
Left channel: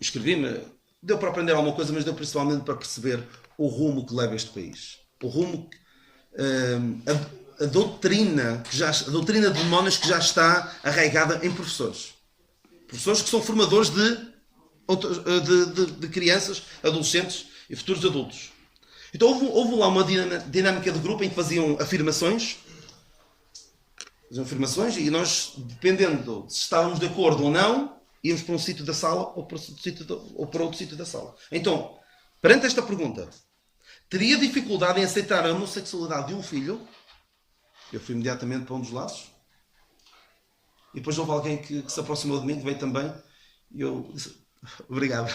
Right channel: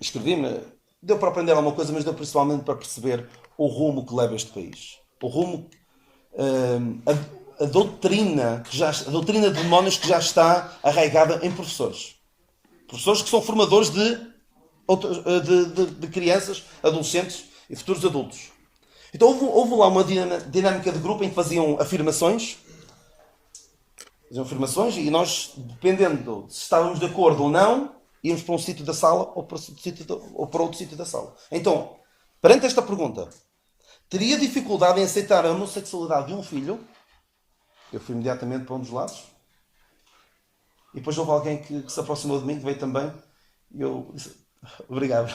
Escrevi-me, deu para aprender alguma coisa, mas deu principalmente para perceber o rumo que leva este país. O rumo, a doutrina de demónios que já está arraigada em professores. Professores que são formadores de crianças, adolescentes e futuros adultos. Então houve lá uma dinâmica de grupo em que faziam afirmações e nós, dependendo se estávamos de acordo ou não, íamos para um sítio da sala ou para outro sítio da sala. Então, perante esta pergunta, teria dificuldade em aceitar a homossexualidade de um filho? Eu fui imediatamente para um dos lados. E depois houve alguém que se aproximou de mim, que veio também, e eu disse, obrigado.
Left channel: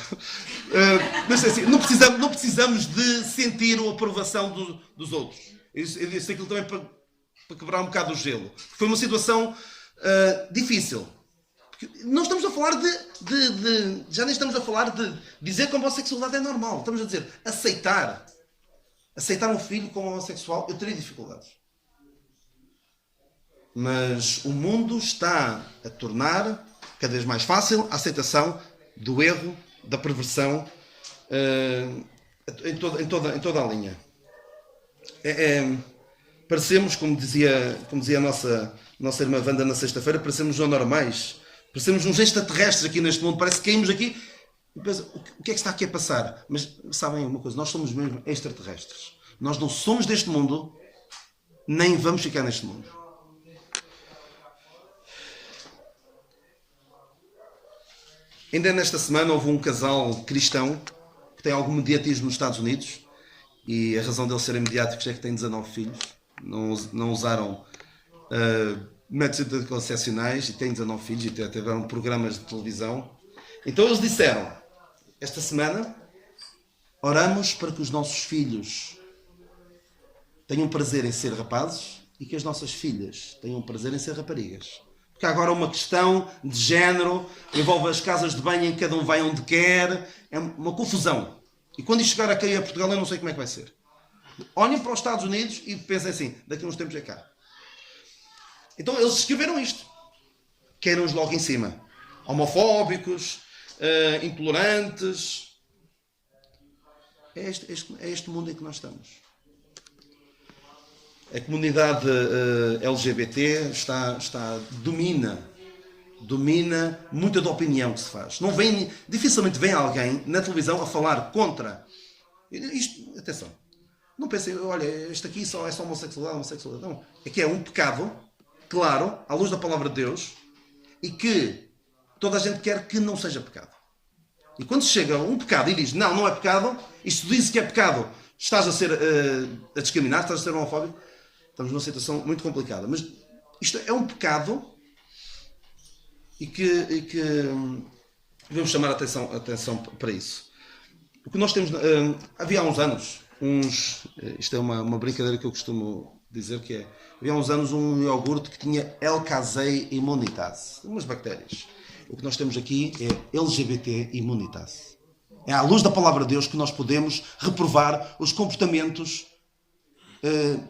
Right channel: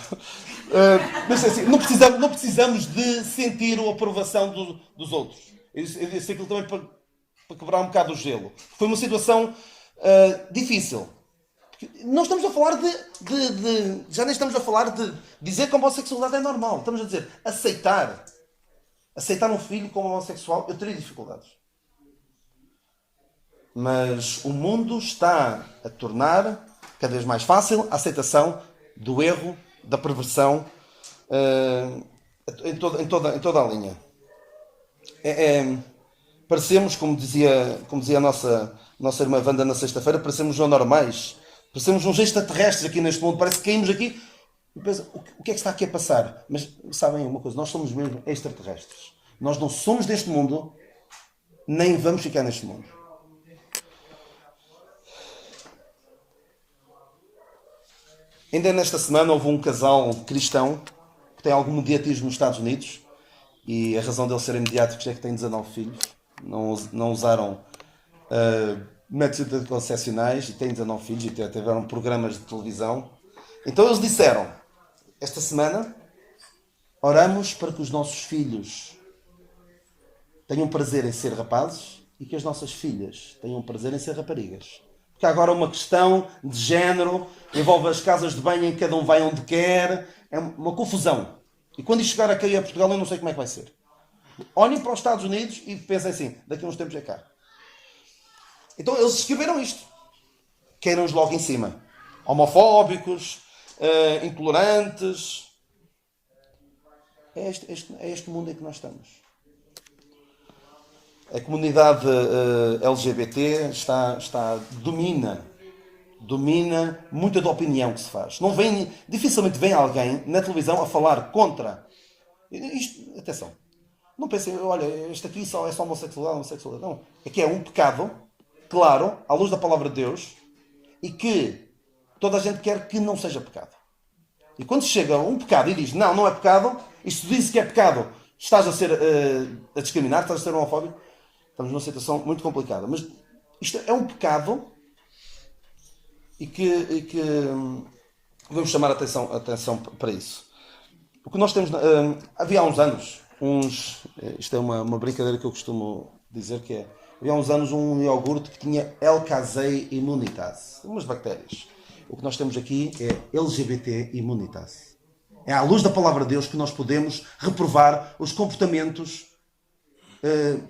Mas assim, não precisamos de sentir a aprovação dos outros. Eu disse aquilo também para quebrar um bocado o gelo. Foi uma situação difícil. Porque não estamos a falar já nem estamos a falar de dizer que a homossexualidade é normal. Estamos a dizer aceitar um filho como homossexual. Eu teria dificuldades. Mas o mundo está a tornar cada vez mais fácil a aceitação do erro, da perversão, em toda a linha. Parecemos, como dizia a nossa irmã Wanda na sexta-feira, parecemos anormais. Parecemos uns extraterrestres aqui neste mundo. Parece que caímos aqui e pensa, o que é que está aqui a passar? Mas sabem uma coisa? Nós somos mesmo extraterrestres. Nós não somos deste mundo, nem vamos ficar neste mundo. Ainda nesta semana houve um casal cristão que tem algum mediatismo nos Estados Unidos, e a razão deles serem mediáticos é que têm 19 filhos, não usaram métodos anticoncepcionais e têm 19 filhos e tiveram programas de televisão. Então eles disseram, esta semana, oramos para que os nossos filhos tenham prazer em ser rapazes e que as nossas filhas tenham prazer em ser raparigas. Porque há agora uma questão de género, envolve as casas de banho em que cada um vai onde quer, é uma confusão. E quando isto chegar aqui a Portugal, eu não sei como é que vai ser. Olhem para os Estados Unidos e pensem assim, daqui a uns tempos é cá. Então eles escreveram isto. Queiram-nos logo em cima. Homofóbicos, intolerantes. É este mundo em que nós estamos. A comunidade LGBT domina muita da opinião que se faz. Dificilmente vem alguém na televisão a falar contra. Atenção. Não pensem, olha, este aqui é só homossexualidade. Não. É que é um pecado, claro, à luz da palavra de Deus, e que toda a gente quer que não seja pecado. E quando chega um pecado e diz, não é pecado, isto diz que é pecado, estás a discriminar, estás a ser homofóbico, estamos numa situação muito complicada. Mas isto é um pecado e que devemos chamar a atenção para isso. O que nós temos... havia há uns anos, isto é uma brincadeira que eu costumo dizer, que é... Havia há uns anos um iogurte que tinha L-Casei immunitas, umas bactérias. O que nós temos aqui é LGBT immunitas. É à luz da palavra de Deus que nós podemos reprovar os comportamentos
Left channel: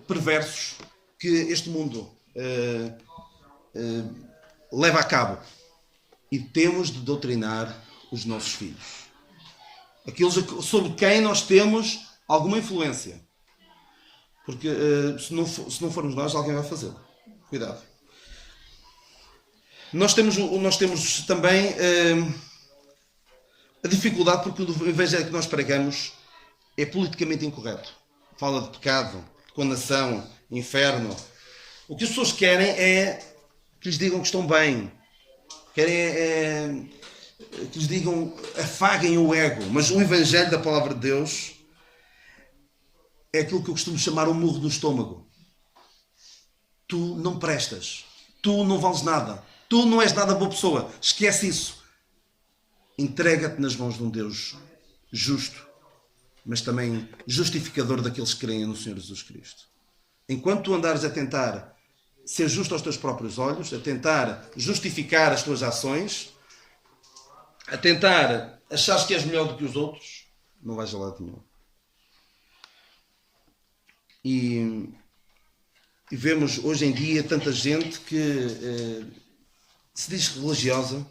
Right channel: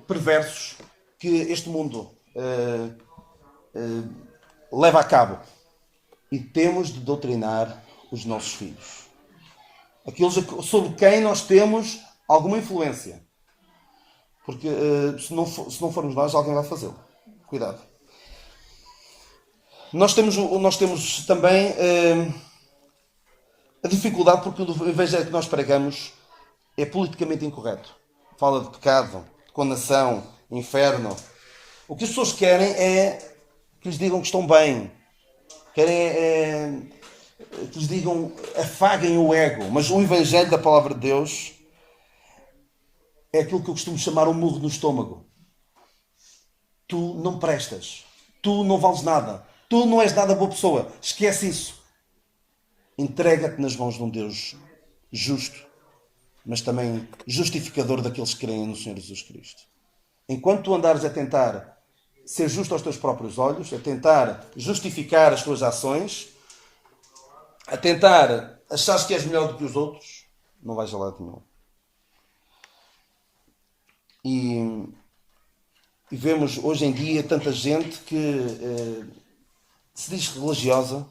perversos que este mundo leva a cabo. E temos de doutrinar os nossos filhos. Aqueles sobre quem nós temos alguma influência. Porque se não formos nós, alguém vai fazê-lo. Cuidado. Nós temos também a dificuldade, porque o evangelho que nós pregamos é politicamente incorreto. Fala de pecado, de condenação, inferno. O que as pessoas querem é que lhes digam que estão bem. Querem que lhes digam, afaguem o ego. Mas o evangelho da palavra de Deus é aquilo que eu costumo chamar um murro no estômago. Tu não prestas. Tu não vales nada. Tu não és nada boa pessoa. Esquece isso. Entrega-te nas mãos de um Deus justo, mas também justificador daqueles que creem no Senhor Jesus Cristo. Enquanto tu andares a tentar ser justo aos teus próprios olhos, a tentar justificar as tuas ações, a tentar achar que és melhor do que os outros, não vais a lado nenhum. E vemos hoje em dia tanta gente que se diz religiosa,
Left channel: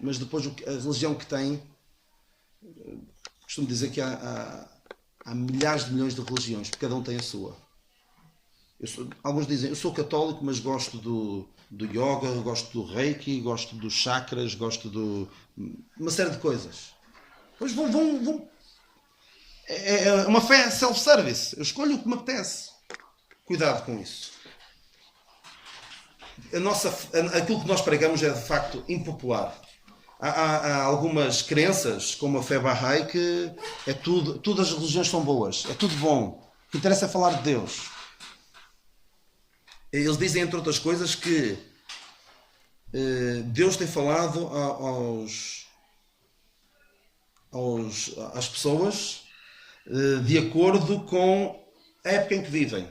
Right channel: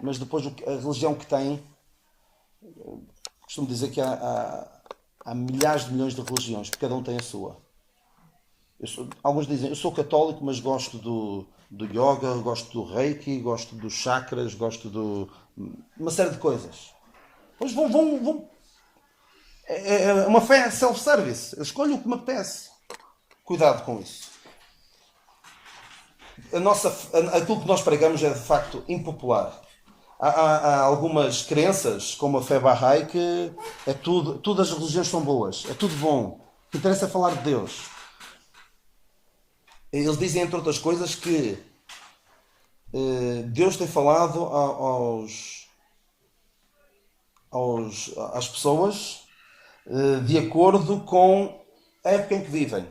mas depois a religião que tem, costumo dizer que há milhares de milhões de religiões, porque cada um tem a sua. Alguns dizem, eu sou católico, mas gosto do yoga, gosto do reiki, gosto dos chakras, gosto de uma série de coisas. Pois é uma fé self-service. Eu escolho o que me apetece. Cuidado com isso. Aquilo que nós pregamos é de facto impopular. Há algumas crenças, como a fé Bahá'í, que é todas as religiões são boas, é tudo bom. O que interessa é falar de Deus. Eles dizem, entre outras coisas, que Deus tem falado às pessoas de acordo com a época em que vivem,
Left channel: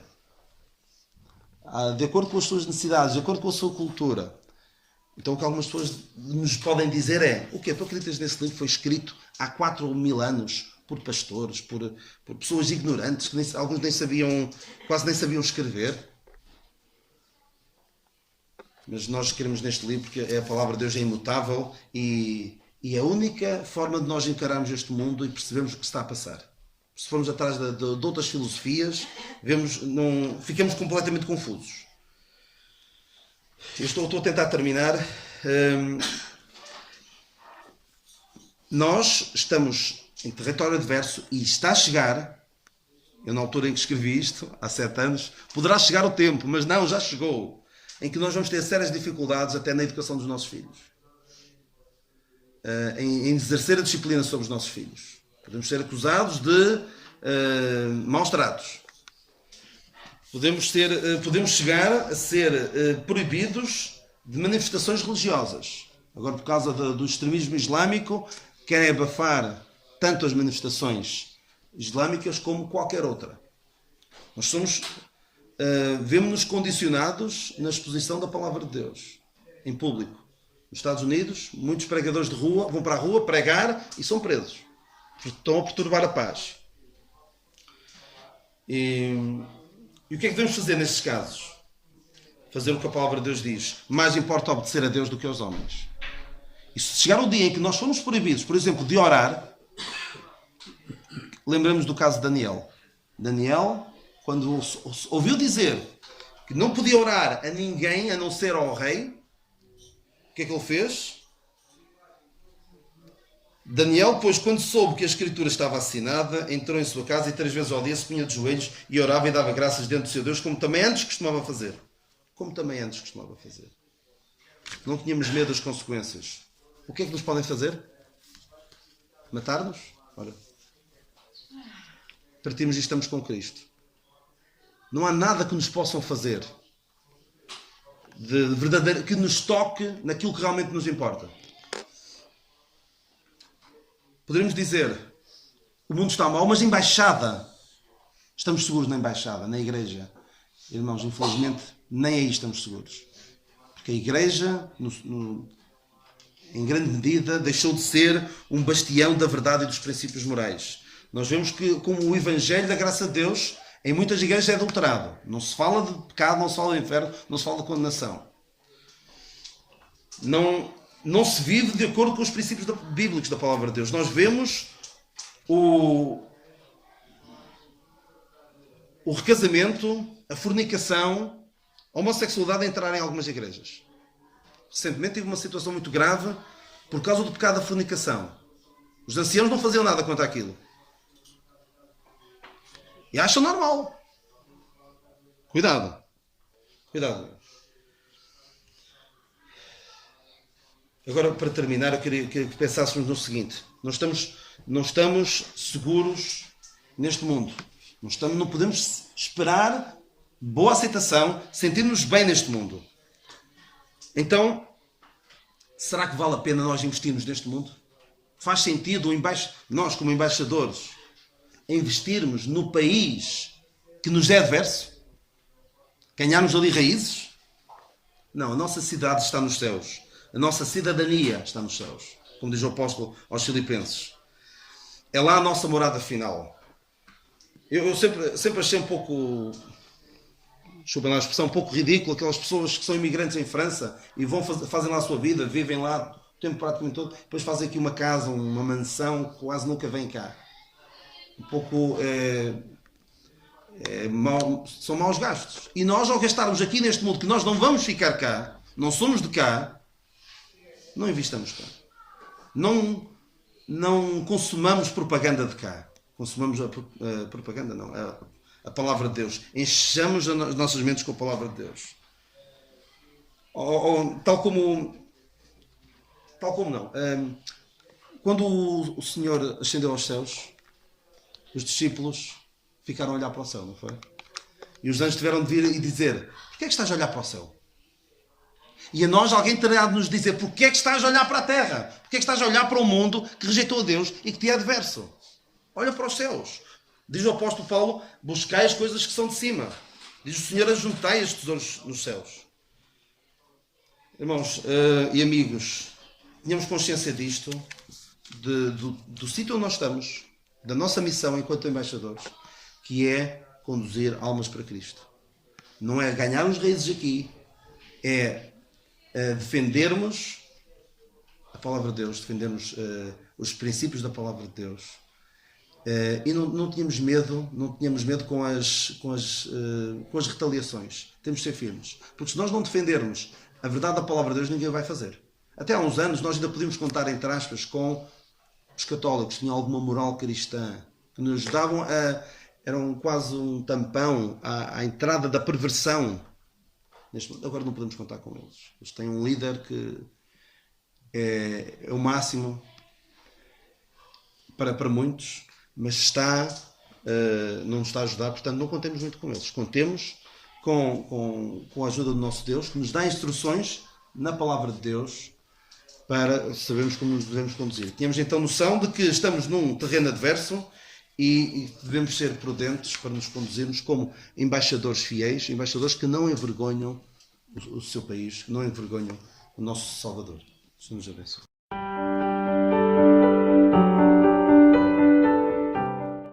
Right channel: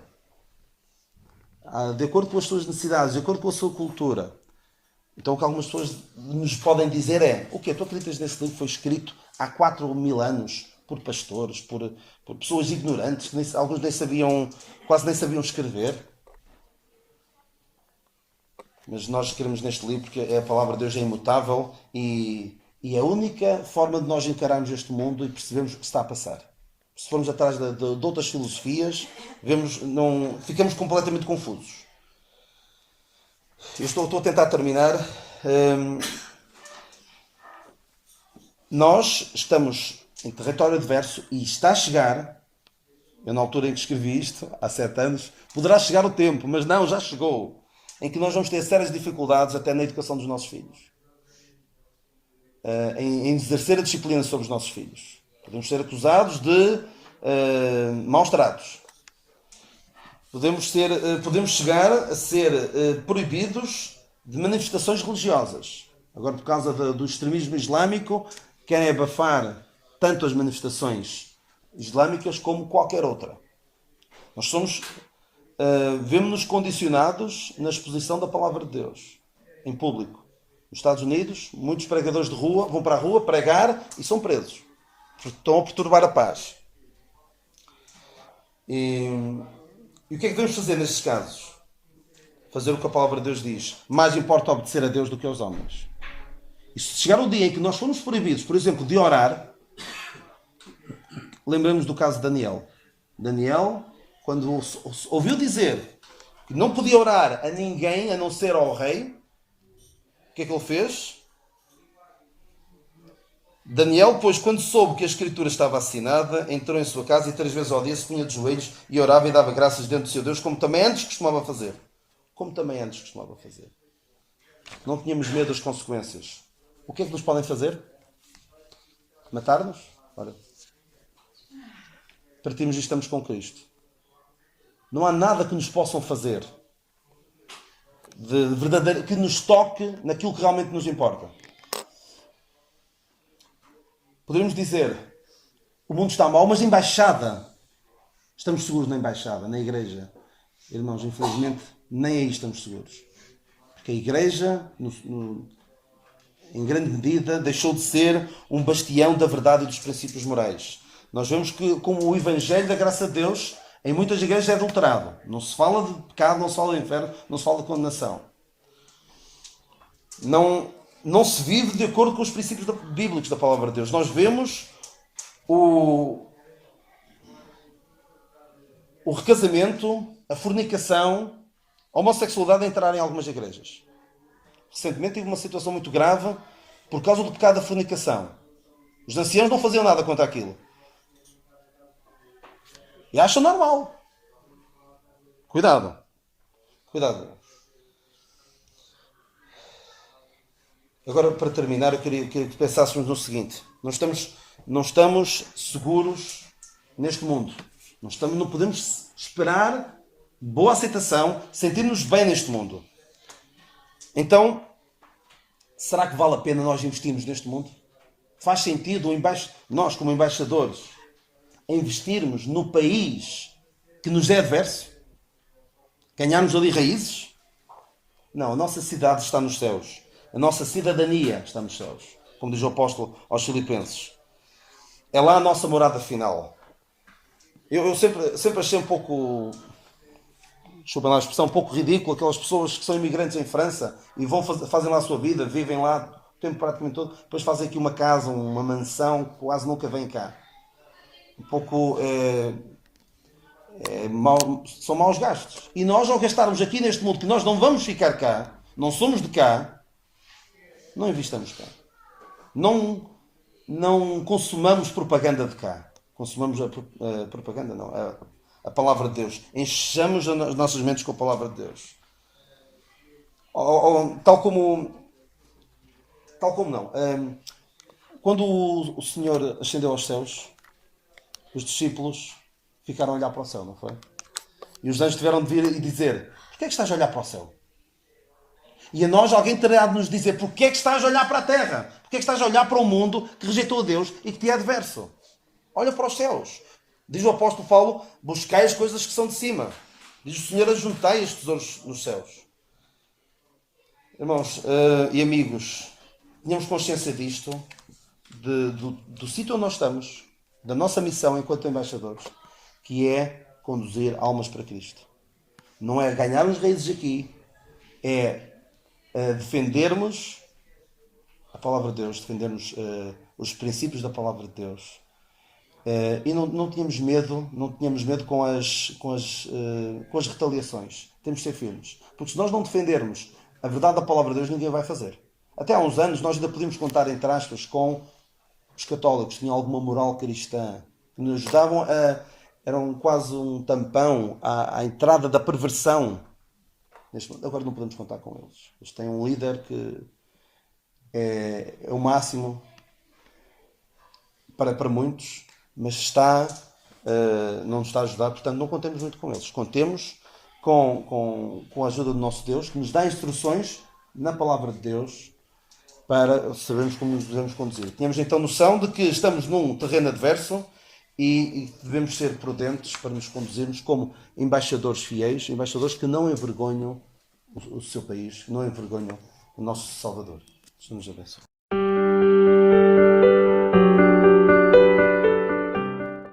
de acordo com as suas necessidades, de acordo com a sua cultura. Então o que algumas pessoas nos podem dizer é: o quê? Tu acreditas nesse livro que foi escrito há 4.000 anos por pastores, por pessoas ignorantes, que alguns nem sabiam, quase nem sabiam escrever? Mas nós queremos neste livro porque a palavra de Deus é imutável e é a única forma de nós encararmos este mundo e percebermos o que está a passar. Se formos atrás de outras filosofias, ficamos completamente confusos. Estou a tentar terminar. Nós estamos em território adverso e está a chegar, eu na altura em que escrevi isto, há 7 anos, poderá chegar o tempo, mas não, já chegou, em que nós vamos ter sérias dificuldades até na educação dos nossos filhos. Em exercer a disciplina sobre os nossos filhos. Podemos ser acusados de maus tratos. Podemos chegar a ser proibidos de manifestações religiosas. Agora, por causa do extremismo islâmico, querem abafar tanto as manifestações islâmicas como qualquer outra. Nós vemos-nos condicionados na exposição da palavra de Deus, em público. Nos Estados Unidos, muitos pregadores de rua vão para a rua pregar e são presos. Estão a perturbar a paz. E o que é que devemos fazer nestes casos? Fazer o que a palavra de Deus diz. Mais importa obedecer a Deus do que aos homens. E se chegar o dia em que nós formos proibidos, por exemplo, de orar, lembramos do caso de Daniel. Daniel, quando ouviu dizer que não podia orar a ninguém a não ser ao rei, o que é que ele fez? Daniel, pois, quando soube que a escritura estava assinada, entrou em sua casa e 3 vezes ao dia se punha de joelhos e orava e dava graças diante do seu Deus, como também antes costumava fazer. Não tínhamos medo das consequências. O que é que nos podem fazer? Matar-nos? Ora, partimos e estamos com Cristo. Não há nada que nos possam fazer de verdadeiro, que nos toque naquilo que realmente nos importa. Poderíamos dizer: o mundo está mau, mas na embaixada estamos seguros, na embaixada, na igreja. Irmãos, infelizmente, nem aí estamos seguros. Porque a igreja, em grande medida, deixou de ser um bastião da verdade e dos princípios morais. Nós vemos que, como o Evangelho da graça de Deus, em muitas igrejas é adulterado. Não se fala de pecado, não se fala de inferno, não se fala de condenação. Não se vive de acordo com os princípios bíblicos da palavra de Deus. Nós vemos o recasamento, a fornicação, a homossexualidade a entrar em algumas igrejas. Recentemente tive uma situação muito grave por causa do pecado da fornicação. Os anciãos não faziam nada contra aquilo. E acham normal. Cuidado. Agora, para terminar, eu queria que pensássemos no seguinte: não estamos seguros neste mundo. Não podemos esperar boa aceitação, sentir-nos bem neste mundo. Então, será que vale a pena nós investirmos neste mundo? Faz sentido nós, como embaixadores, investirmos no país que nos é adverso? Ganharmos ali raízes? Não, a nossa cidade está nos céus. A nossa cidadania está nos céus, como diz o apóstolo aos Filipenses. É lá a nossa morada final. Eu sempre achei um pouco, desculpem lá a expressão, um pouco ridículo aquelas pessoas que são imigrantes em França e fazem lá a sua vida, vivem lá o tempo praticamente todo, depois fazem aqui uma casa, uma mansão, quase nunca vêm cá. Um pouco são maus gastos. E nós, ao gastarmos aqui neste mundo, que nós não vamos ficar cá, não somos de cá, não investamos cá. Não consumamos propaganda de cá. Consumamos a propaganda, não. A palavra de Deus. Enchamos as nossas mentes com a palavra de Deus. Tal como não. Quando o Senhor ascendeu aos céus, os discípulos ficaram a olhar para o céu, não foi? E os anjos tiveram de vir e dizer: porquê é que estás a olhar para o céu? E a nós alguém terá de nos dizer porque é que estás a olhar para a terra? Porque é que estás a olhar para o mundo que rejeitou a Deus e que te é adverso? Olha para os céus. Diz o apóstolo Paulo, buscai as coisas que são de cima. Diz o Senhor, ajuntai os tesouros nos céus. Irmãos e amigos, tenhamos consciência disto, do sítio onde nós estamos, da nossa missão enquanto embaixadores, que é conduzir almas para Cristo. Não é ganhar uns raízes aqui, é defendermos a palavra de Deus, defendermos os princípios da palavra de Deus. E não tínhamos medo, com as retaliações. Temos de ser firmes. Porque se nós não defendermos a verdade da palavra de Deus, ninguém vai fazer. Até há uns anos nós ainda podíamos contar, entre aspas, com os católicos que tinham alguma moral cristã, que nos ajudavam eram quase um tampão à entrada da perversão. Agora não podemos contar com eles. Eles têm um líder que é o máximo para muitos, mas não nos está a ajudar, portanto não contemos muito com eles. Contemos com a ajuda do nosso Deus, que nos dá instruções na palavra de Deus para sabermos como nos devemos conduzir. Tínhamos então noção de que estamos num terreno adverso e devemos ser prudentes para nos conduzirmos como embaixadores fiéis, embaixadores que não envergonham o seu país, que não envergonham o nosso Salvador. Deus nos abençoe.